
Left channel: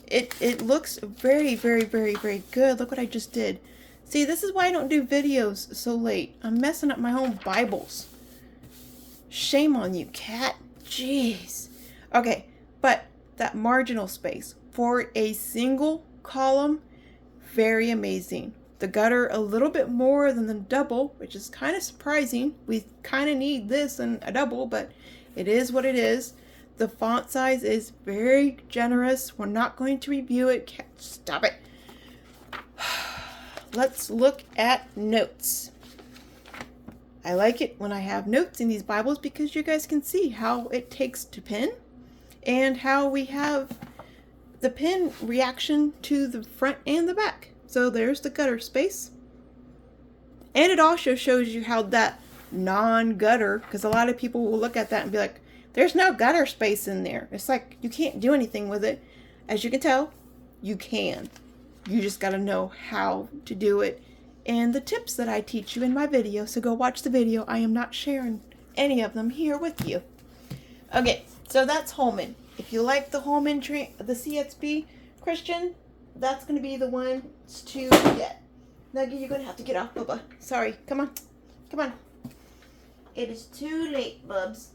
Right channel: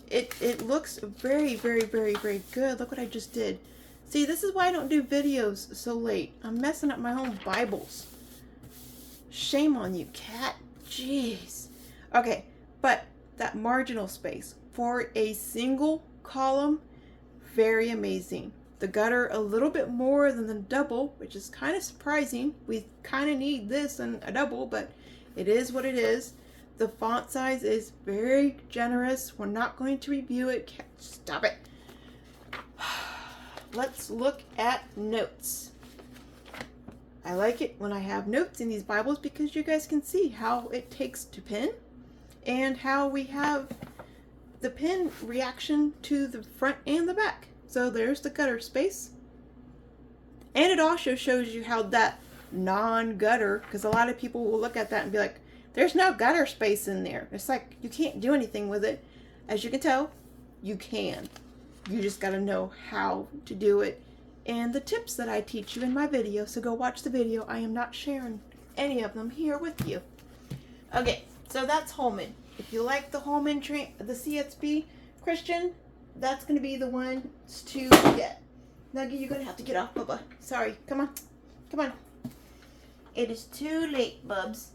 It looks very, very, very, very good. Look what I just did. See, this is why I don't do videos so late. I'm messing up my own Bibles. Shame on you, cat. Jeez. Okay, but that marginal space for a single column, very amazing. The gutter a little bit more than the double, which is kind of surprising. We kind of need this and a double, but it is what it is. The font size is very generous. We're not going to review it. Stop it. Let's look at notes. I like it when I have notes in these Bibles because you guys can see how it takes to pen and how we have the pen reaction to the front and the back. So there's the gutter space. And it also shows you how that non-gutter, because a lot of people will look at that and be like, there's no gutter space in there. It's like you can't do anything with it. As you can tell, you can. You just got to know how to do it and the tips that I teach you in my video. So go watch the video. I am not sharing any of them here with you. Okay, so that's Holman. If you like the Holman, the CSB Christian, that's going to be the one to get. Now you're going to have to get off, Bubba. Sorry. Come on. Come on. It is too late, bubs.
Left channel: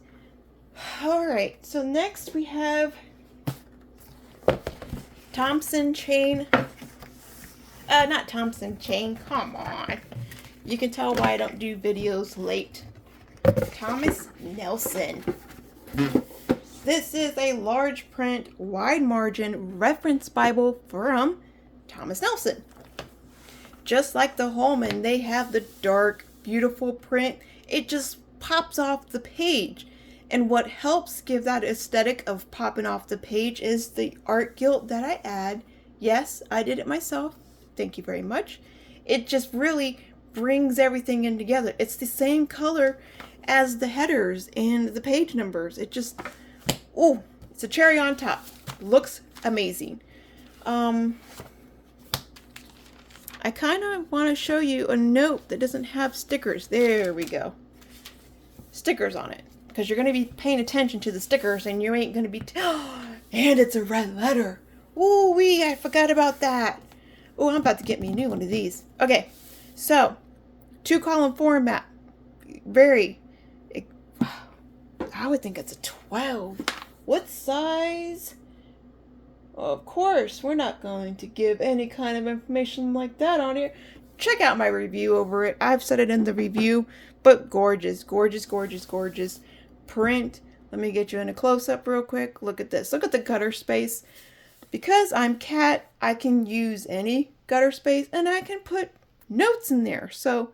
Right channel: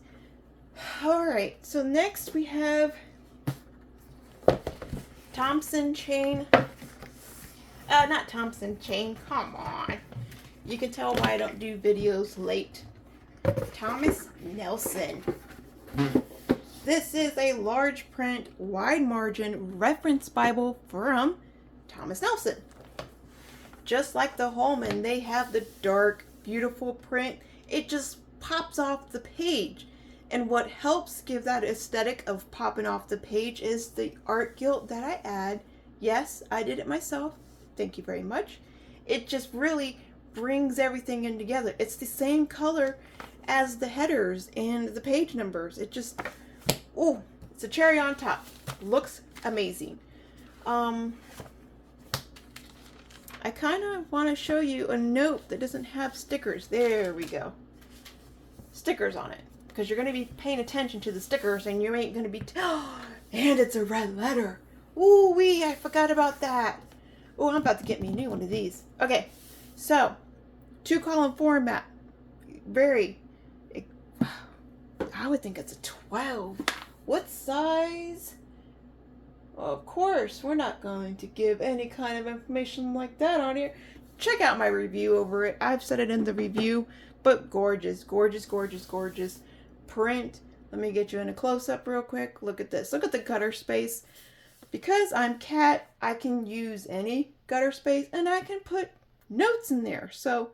Alright, so next we have Thompson chain. Not Thompson chain. Come on. You can tell why I don't do videos late. Thomas Nelson. This is a large print, wide margin reference Bible from Thomas Nelson. Just like the Holman, they have the dark, beautiful print. It just pops off the page. And what helps give that aesthetic of popping off the page is the art gilt that I add. Yes, I did it myself. Thank you very much. It just really brings everything in together. It's the same color as the headers and the page numbers. It just, ooh, it's a cherry on top. Looks amazing. I kind of want to show you a note that doesn't have stickers. There we go. Stickers on it. Because you're going to be paying attention to the stickers and you ain't going to be... and it's a red letter. Ooh wee, I forgot about that. Oh, I'm about to get me a new one of these. Okay, so 2-column format. Very... I would think it's a 12. What size? Of course, we're not going to give any kind of information like that on here. Check out my review over it. I've said it in the review, but gorgeous, gorgeous, gorgeous, gorgeous print. Let me get you in a close-up real quick. Look at this. Look at the gutter space. Because I'm cat, I can use any gutter space and I can put notes in there. So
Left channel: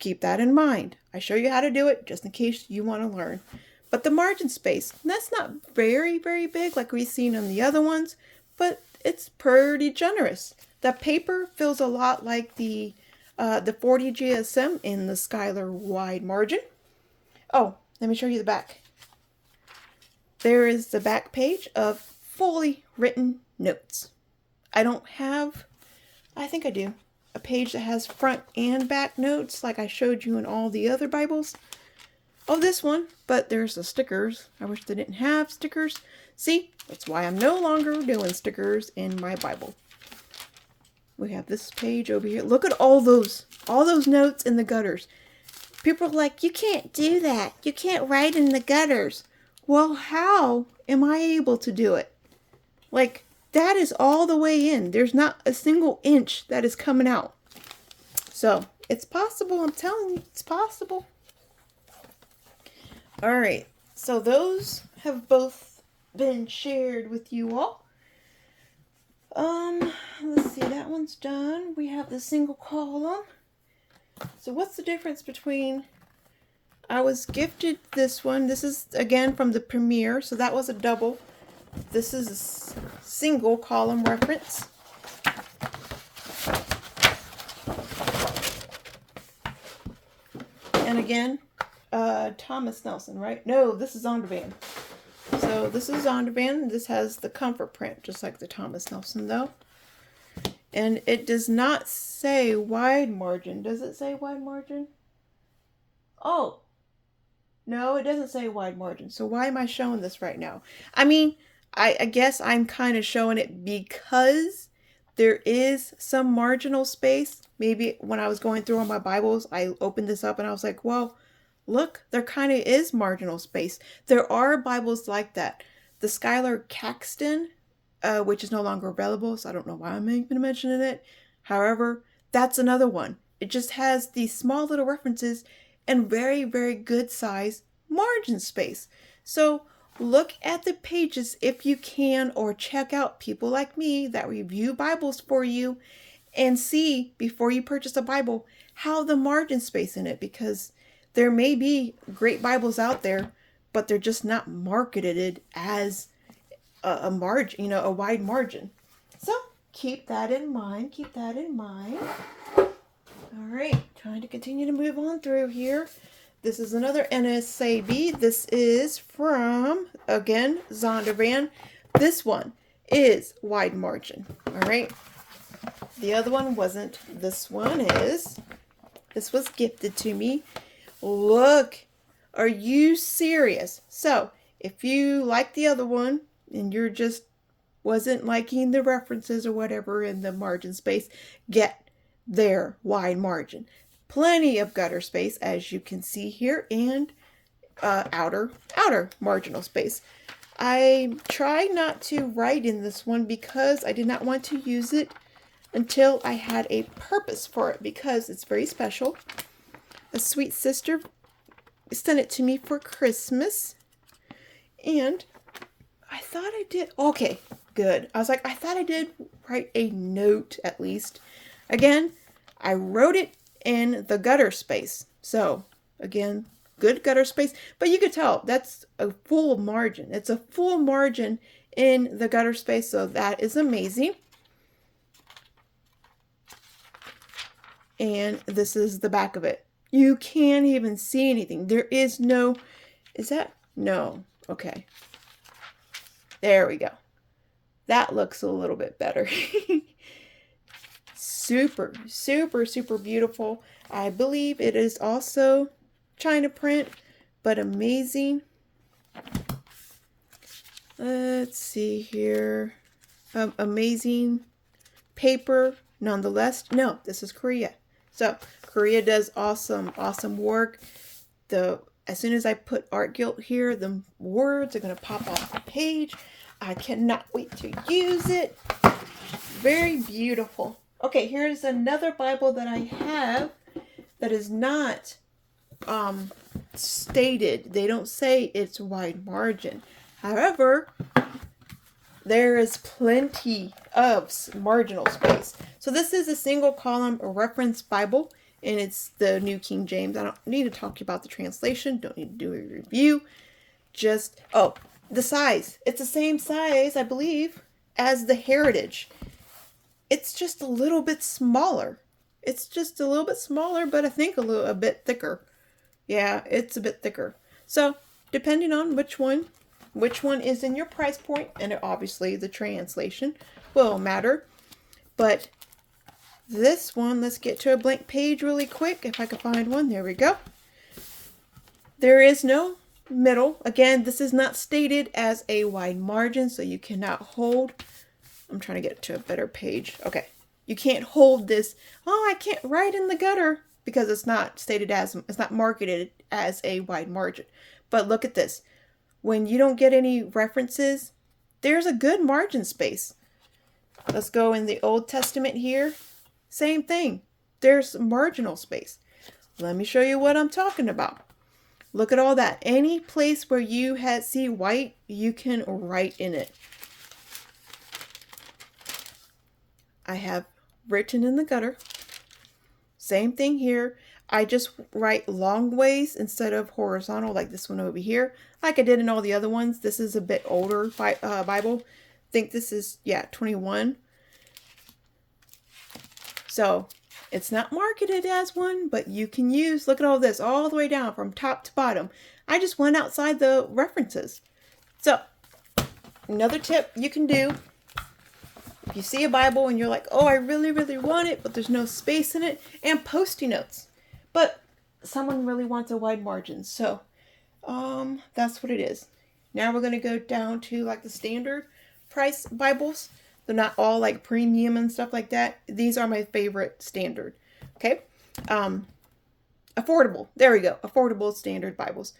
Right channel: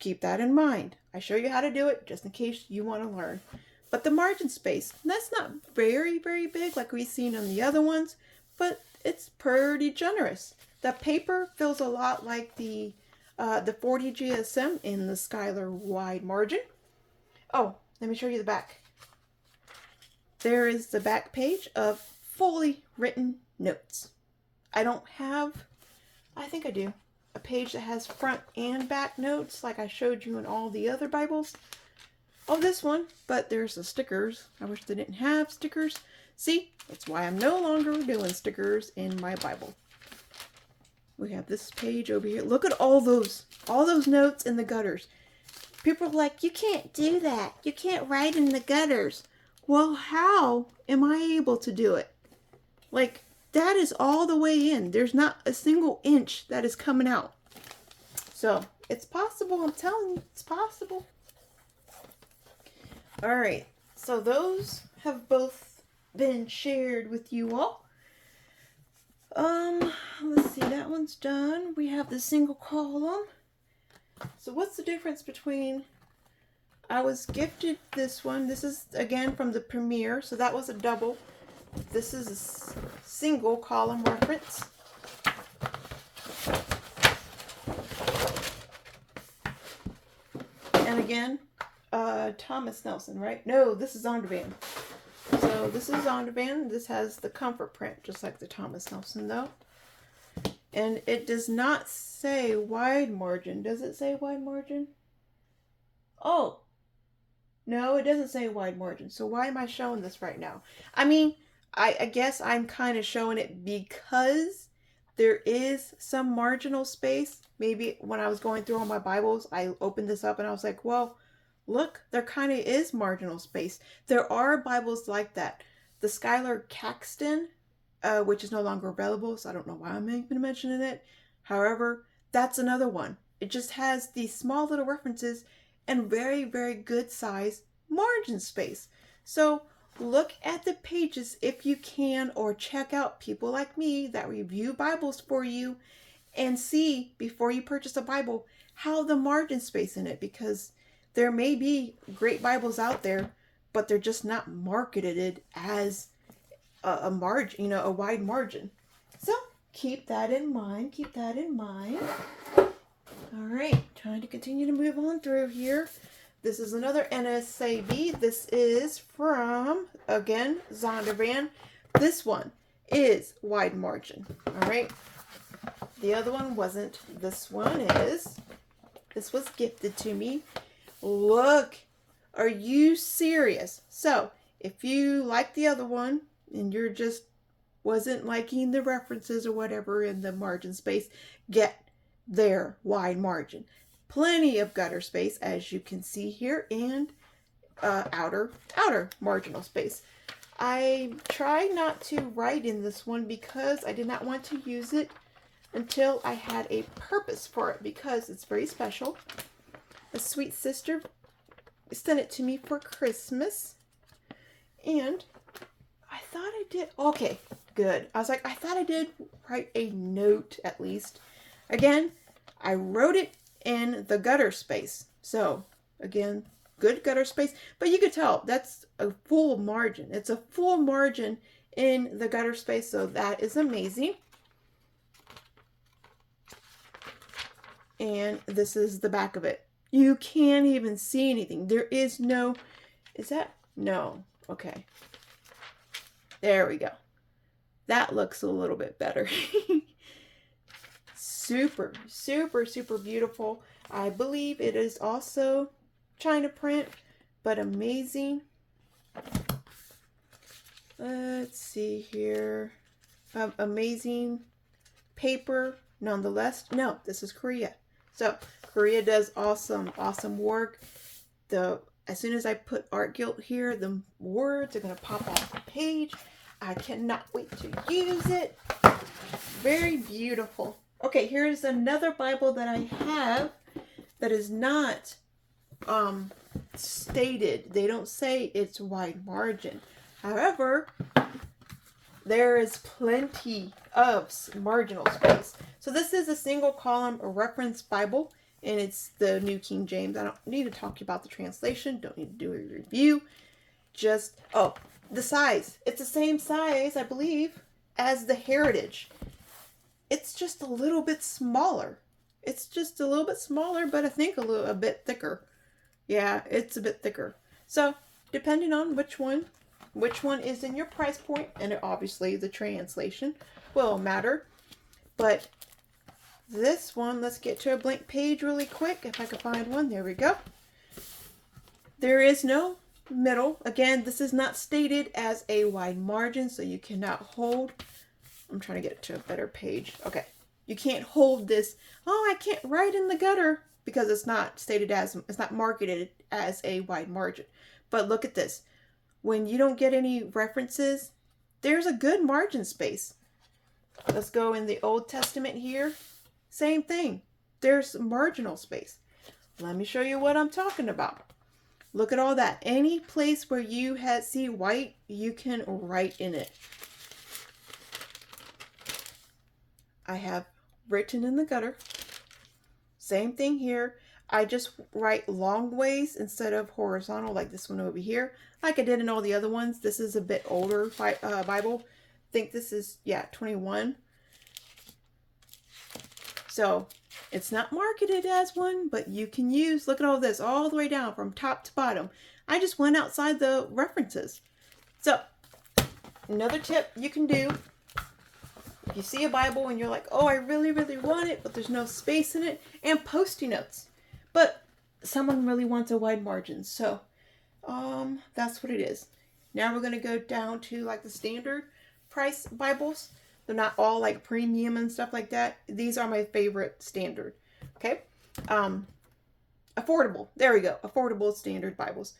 keep that in mind. I show you how to do it just in case you want to learn. But the margin space, that's not very, very big like we've seen in the other ones, but it's pretty generous. The paper feels a lot like the 40 GSM in the Skylar wide margin. Oh, let me show you the back. There is the back page of fully written notes. I don't have, I think I do, a page that has front and back notes like I showed you in all the other Bibles. Oh, this one, but there's the stickers. I wish they didn't have stickers. See, that's why I'm no longer doing stickers in my Bible. We have this page over here. Look at all those notes in the gutters. People are like, you can't do that. You can't write in the gutters. Well, how am I able to do it? Like, that is all the way in. There's not a single inch that is coming out. So, it's possible. I'm telling you, it's possible. All right. So, those have both been shared with you all. Let's see. That one's done. We have the single column. So, what's the difference between... I was gifted this one. This is, again, from the premiere. So, that was a double. This is a single column reference. And again, Thomas Nelson, right? No, this is Zondervan. So this is Zondervan. This has the comfort print, just like the Thomas Nelson, though. And it does not say wide margin. Does it say wide margin? Oh, no, it doesn't say wide margin. So why am I showing this right now? I mean, I guess I'm kind of showing it because there is some marginal space. Maybe when I was going through all my Bibles, I opened this up and I was like, well, look, there kind of is marginal space. There are Bibles like that. The Skylar Caxton, which is no longer available, so I don't know why I'm even mentioning it. However, that's another one. It just has these small little references and very, very good size margin space. So look at the pages if you can, or check out people like me that review Bibles for you and see before you purchase a Bible how the margin space in it, because there may be great Bibles out there, but they're just not marketed as a margin, a wide margin. So keep that in mind. Keep that in mind. All right, trying to continue to move on through here. This is another NSAB. This is from, again, Zondervan. This one is wide margin. All right. The other one wasn't. This one is. This was gifted to me. Look. Are you serious? So, if you like the other one and you're just wasn't liking the references or whatever in the margin space, get their wide margin. Plenty of gutter space, as you can see here, and outer marginal space. I tried not to write in this one because I did not want to use it until I had a purpose for it, because it's very special. A sweet sister sent it to me for Christmas, and I thought I did. Okay, good. I was like, I thought I did write a note at least. Again, I wrote it in the gutter space. So, again, good gutter space. But you could tell that's a full margin. It's a full margin in the gutter space. So, that is amazing. And this is the back of it. You can't even see anything. There is no... Is that... No. Okay. There we go. That looks a little bit better. Super, super, super beautiful. I believe it is also China print, but amazing. Let's see here. Amazing paper, nonetheless. No, this is Korea. So Korea does awesome, awesome work. As soon as I put Art Guilt here, the words are going to pop off the page. I cannot wait to use it. Very beautiful. Okay, here's another Bible that I have that is not stated. They don't say it's wide margin. However, there is plenty of marginal space. So this is a single column reference Bible. and it's the New King James. I don't need to talk about the translation, don't need to do a review. Just, oh, the size. It's the same size, I believe, as the Heritage. It's just a little bit smaller. It's just a little bit smaller, but I think a bit thicker. Yeah, it's a bit thicker. So, depending on which one is in your price point, and obviously the translation will matter. But this one, let's get to a blank page really quick. If I can find one, there we go. There is no middle. Again, this is not stated as a wide margin, so you cannot hold. I'm trying to get to a better page. Okay. You can't hold this. Oh, I can't write in the gutter because it's not stated as, it's not marketed as a wide margin. But look at this. When you don't get any references, there's a good margin space. Let's go in the Old Testament here. Same thing. There's marginal space. Let me show you what I'm talking about. Look at all that. Any place where you see white, you can write in it. I have written in the gutter. Same thing here. I just write long ways instead of horizontal like this one over here. Like I did in all the other ones. This is a bit older Bible. I think this is, 21. So it's not marketed as one, but you can use, look at all this, all the way down from top to bottom. I just went outside the references. So another tip you can do, if you see a Bible and you're like, oh, I really, really want it, but there's no space in it, and Post-it notes. But someone really wants a wide margin. So that's what it is. Now we're going to go down to like the standard price Bibles. They're not all like premium and stuff like that. These are my favorite standard. Okay. Affordable. There we go. Affordable standard Bibles.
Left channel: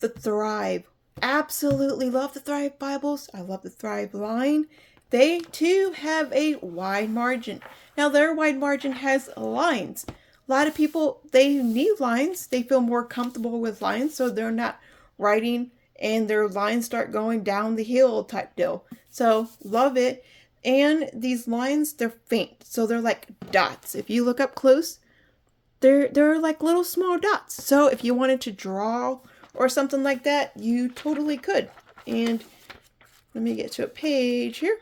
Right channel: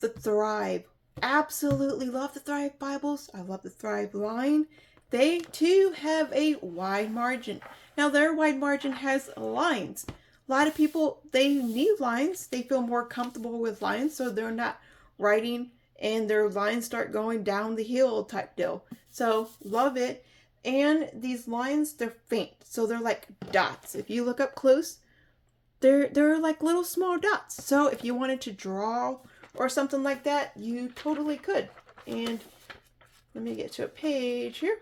The Thrive. Absolutely love the Thrive Bibles. I love the Thrive line. They too have a wide margin. Now their wide margin has lines. A lot of people, they need lines. They feel more comfortable with lines, so they're not writing and their lines start going down the hill type deal. So love it. And these lines, they're faint, so they're like dots. If you look up close, they're like little small dots. So if you wanted to draw or something like that, you totally could. And let me get to a page here.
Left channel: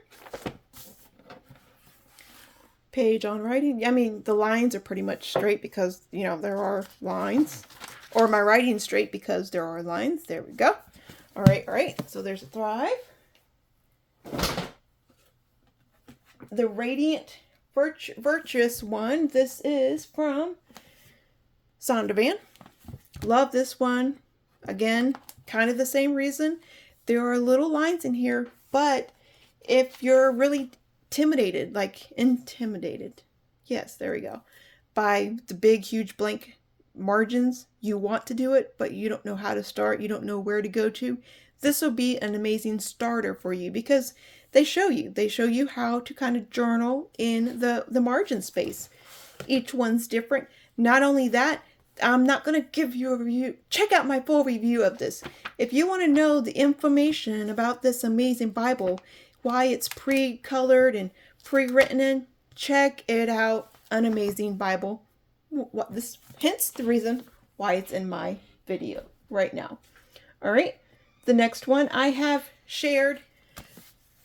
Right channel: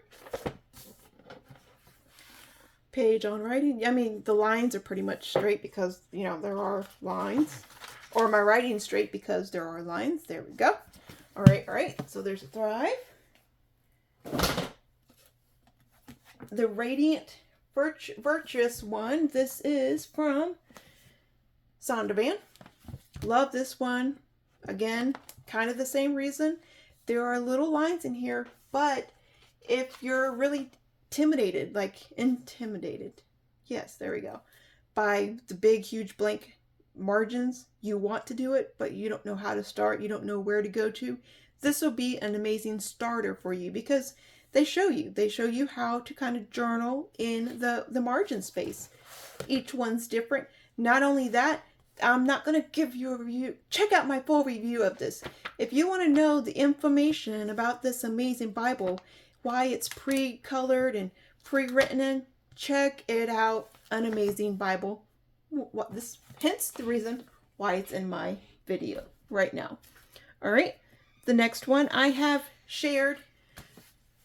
Page on writing. I mean, the lines are pretty much straight because, there are lines. Or my writing straight because there are lines. There we go. All right. So there's a Thrive. The Radiant Virtuous one. This is from Sondervan. Love this one. Again, kind of the same reason. There are little lines in here, but if you're really intimidated, yes, there we go, by the big, huge blank margins, you want to do it, but you don't know how to start, you don't know where to go to, this will be an amazing starter for you because they show you how to kind of journal in the margin space. Each one's different. Not only that, I'm not going to give you a review. Check out my full review of this. If you want to know the information about this amazing Bible, why it's pre-colored and pre-written in, check it out. An amazing Bible. Hence the reason why it's in my video right now. All right. The next one, I have shared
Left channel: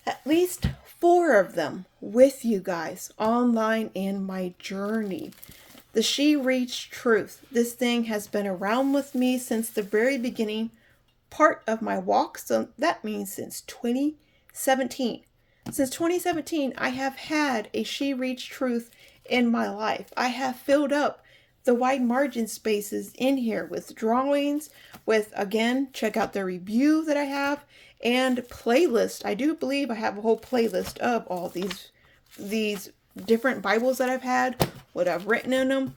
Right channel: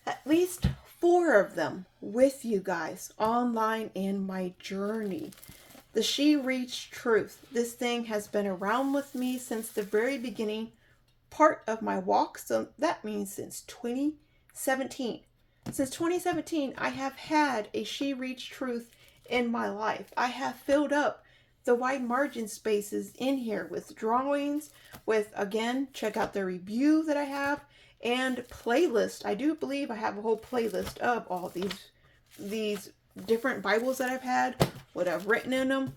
at least 4 of them with you guys online in my journey. The She Reads Truth. This thing has been around with me since the very beginning part of my walk. So that means since 2017. Since 2017, I have had a She Reads Truth in my life. I have filled up the wide margin spaces in here with drawings, with, again, check out the review that I have, and playlist. I do believe I have a whole playlist of all these different Bibles that I've had, what I've written in them.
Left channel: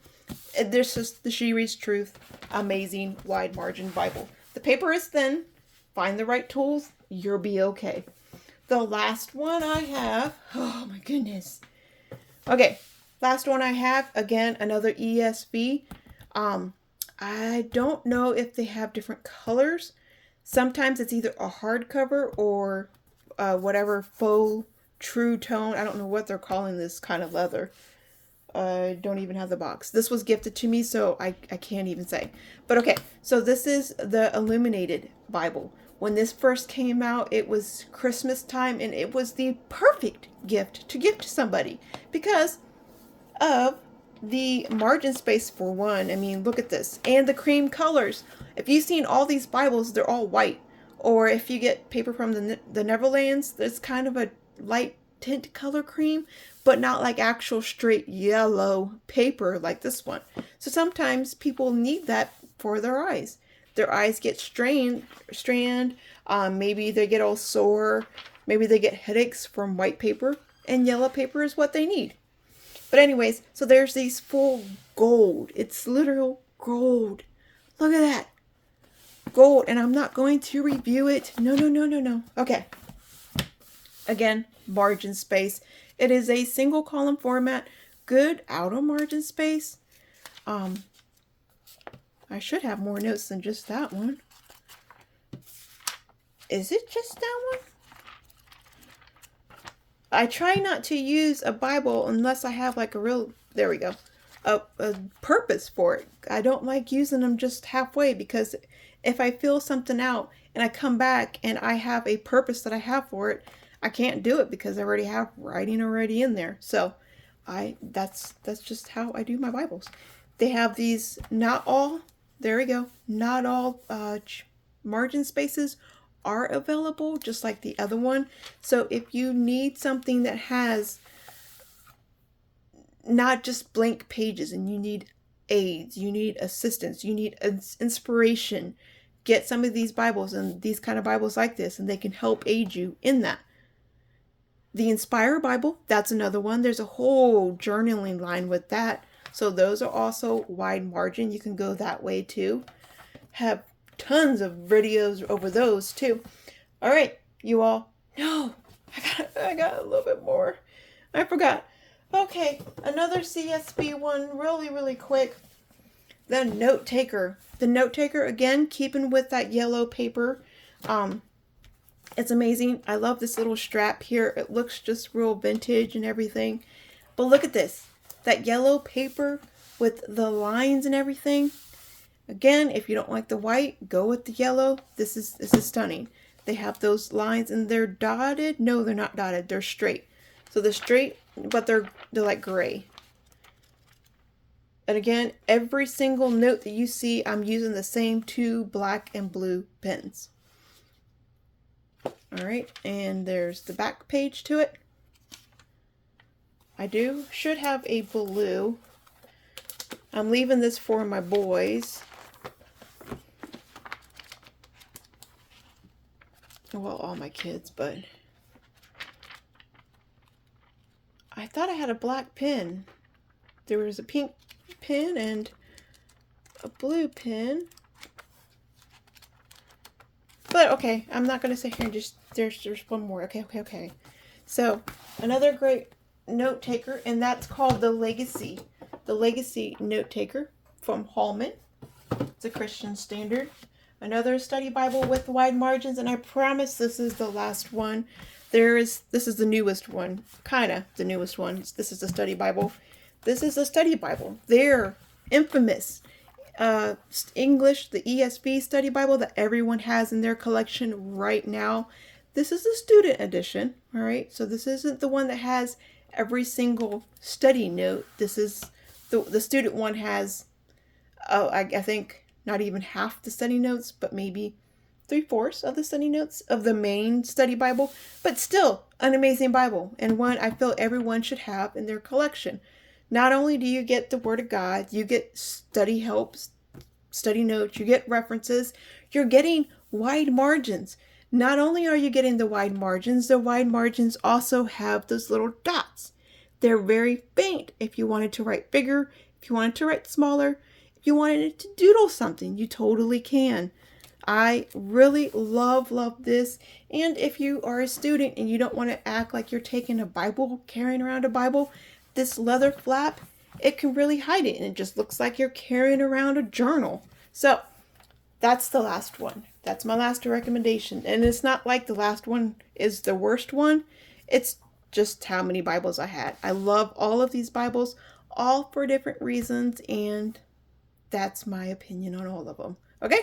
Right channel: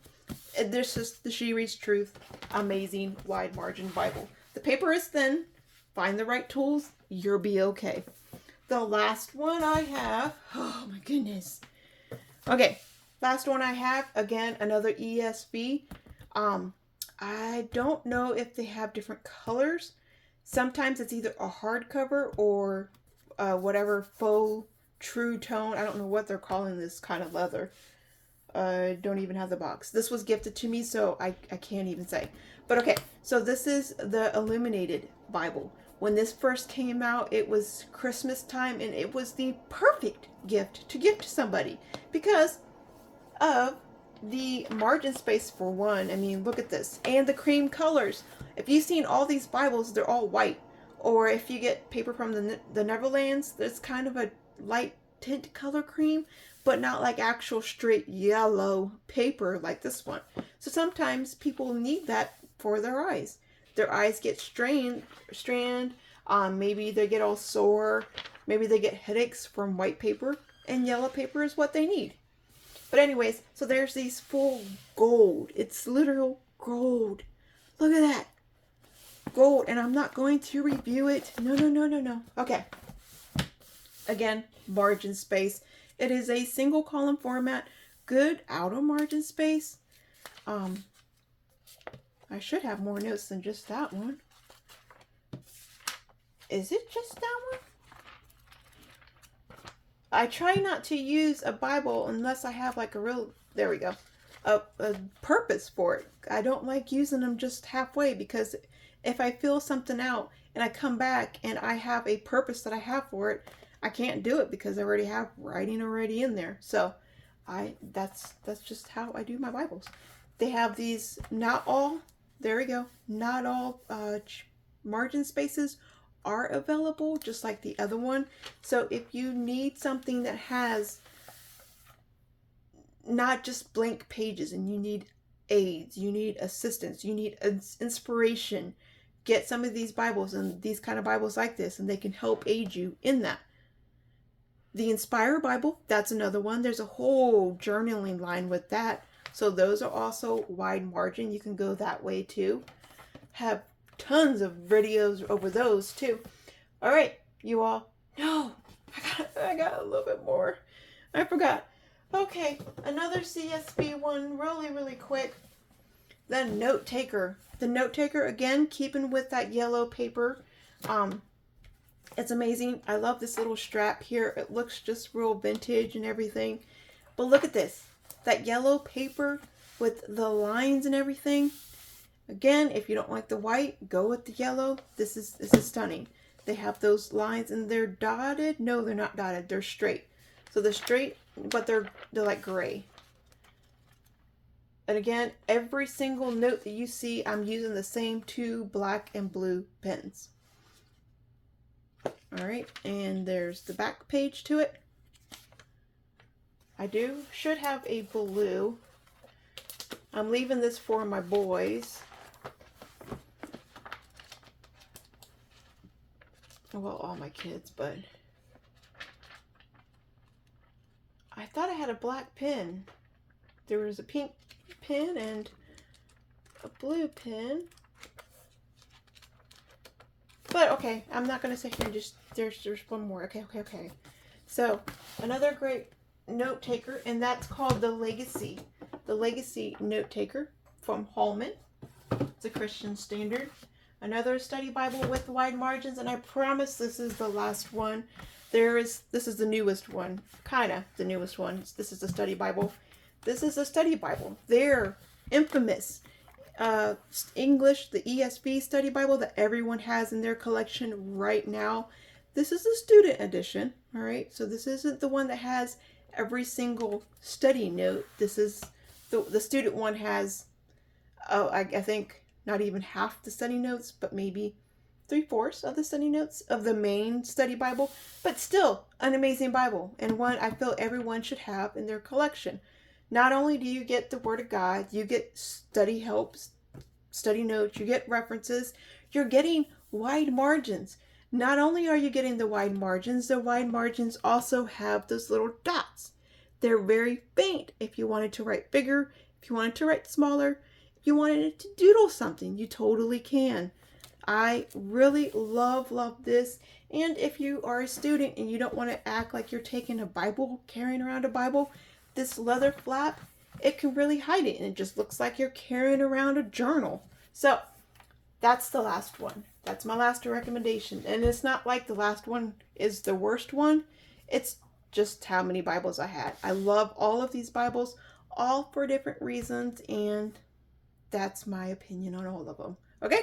There's just the She Reads Truth, amazing wide margin Bible. The paper is thin. Find the right tools, you'll be okay. The last one I have, oh my goodness. Okay, last one I have, again, another ESV. I don't know if they have different colors. Sometimes it's either a hardcover or whatever faux true tone. I don't know what they're calling this kind of leather. Don't even have the box. This was gifted to me, so I can't even say. But okay, so this is the Illuminated Bible. When this first came out, it was Christmas time, and it was the perfect gift to give to somebody because of the margin space for one. I mean, look at this. And the cream colors. If you've seen all these Bibles, they're all white. Or if you get paper from the Neverlands, there's kind of a light tint color cream, but not like actual straight yellow paper like this one. So sometimes people need that for their eyes. Their eyes get strained, maybe they get all sore, maybe they get headaches from white paper, and yellow paper is what they need. But anyways, so there's these full gold. It's literal gold. Look at that. Gold. And I'm not going to review it. No. Okay. Again, margin space. It is a single column format. Good outer margin space. I should have more notes than just that one. Is it just that one? I try not to use a Bible unless I have like a real, there we go, a purpose for it. I don't like using them just halfway, because if I fill something out and I come back and I have a purpose that I have for it, I can't do it because I already have writing already in there. So that's just how I do my Bibles. They have these, not all, there we go, not all margin spaces are available, just like the other one. So if you need something that has not just blank pages, and you need aids, you need assistance, you need inspiration, get some of these Bibles and these kind of Bibles like this, and they can help aid you in that. The Inspire Bible, that's another one. There's a whole journaling line with that. So those are also wide margin. You can go that way too. Have tons of videos over those too. All right, you all. No, I got a little bit more. I forgot. Okay, another CSB one, really quick. The Notetaker. The Notetaker, again, keeping with that yellow paper. It's amazing. I love this little strap here. It looks just real vintage and everything. But look at this. That yellow paper with the lines and everything. Again, if you don't like the white, go with the yellow. This is stunning. They have those lines and they're dotted. No, they're not dotted. They're straight. So they're straight, but they're like gray. And again, every single note that you see, I'm using the same two black and blue pens. All right, and there's the back page to it. I should have a blue. I'm leaving this for my boys. Well, all my kids, but I thought I had a black pen. There was a pink pen and a blue pen. But okay, I'm not gonna sit here and just, there's one more. Okay. So another great note taker, and that's called the Legacy. The Legacy Note Taker from Hallman. It's a Christian Standard. Another study Bible with wide margins, and I promise this is the last one. This is the newest one, kind of the newest one. This is the study Bible. This is a study Bible. They're infamous. English, the ESV study Bible that everyone has in their collection right now. This is a student edition, all right? So this isn't the one that has every single study note. This is the student one has, I think, not even half the study notes, but maybe 3/4 of the study notes of the main study Bible, but still an amazing Bible, and one I feel everyone should have in their collection. Not only do you get the Word of God, you get study helps, study notes, you get references, you're getting wide margins. Not only are you getting the wide margins also have those little dots. They're very faint. If you wanted to write bigger, if you wanted to write smaller, if you wanted it to doodle something, you totally can. I really love this. And if you are a student and you don't want to act like you're taking a Bible, carrying around a Bible, this leather flap, it can really hide it, and it just looks like you're carrying around a journal. So that's the last one. That's my last recommendation. And it's not like the last one is the worst one. It's just how many Bibles I had. I love all of these Bibles. all for different reasons, and that's my opinion on all of them. Okay?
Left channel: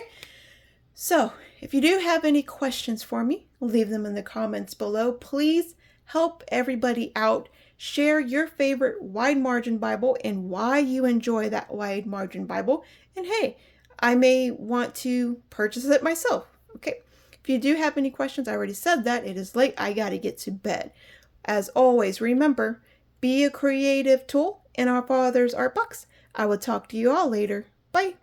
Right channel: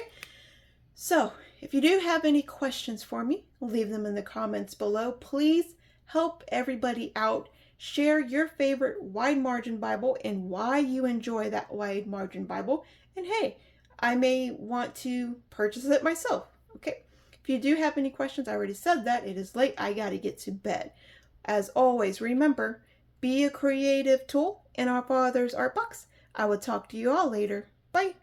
So, if you do have any questions for me, leave them in the comments below. Please help everybody out. Share your favorite wide margin Bible and why you enjoy that wide margin Bible. And hey, I may want to purchase it myself. Okay. If you do have any questions, I already said that. It is late. I got to get to bed. As always, remember, be a creative tool in our Father's art box. I will talk to you all later. Bye.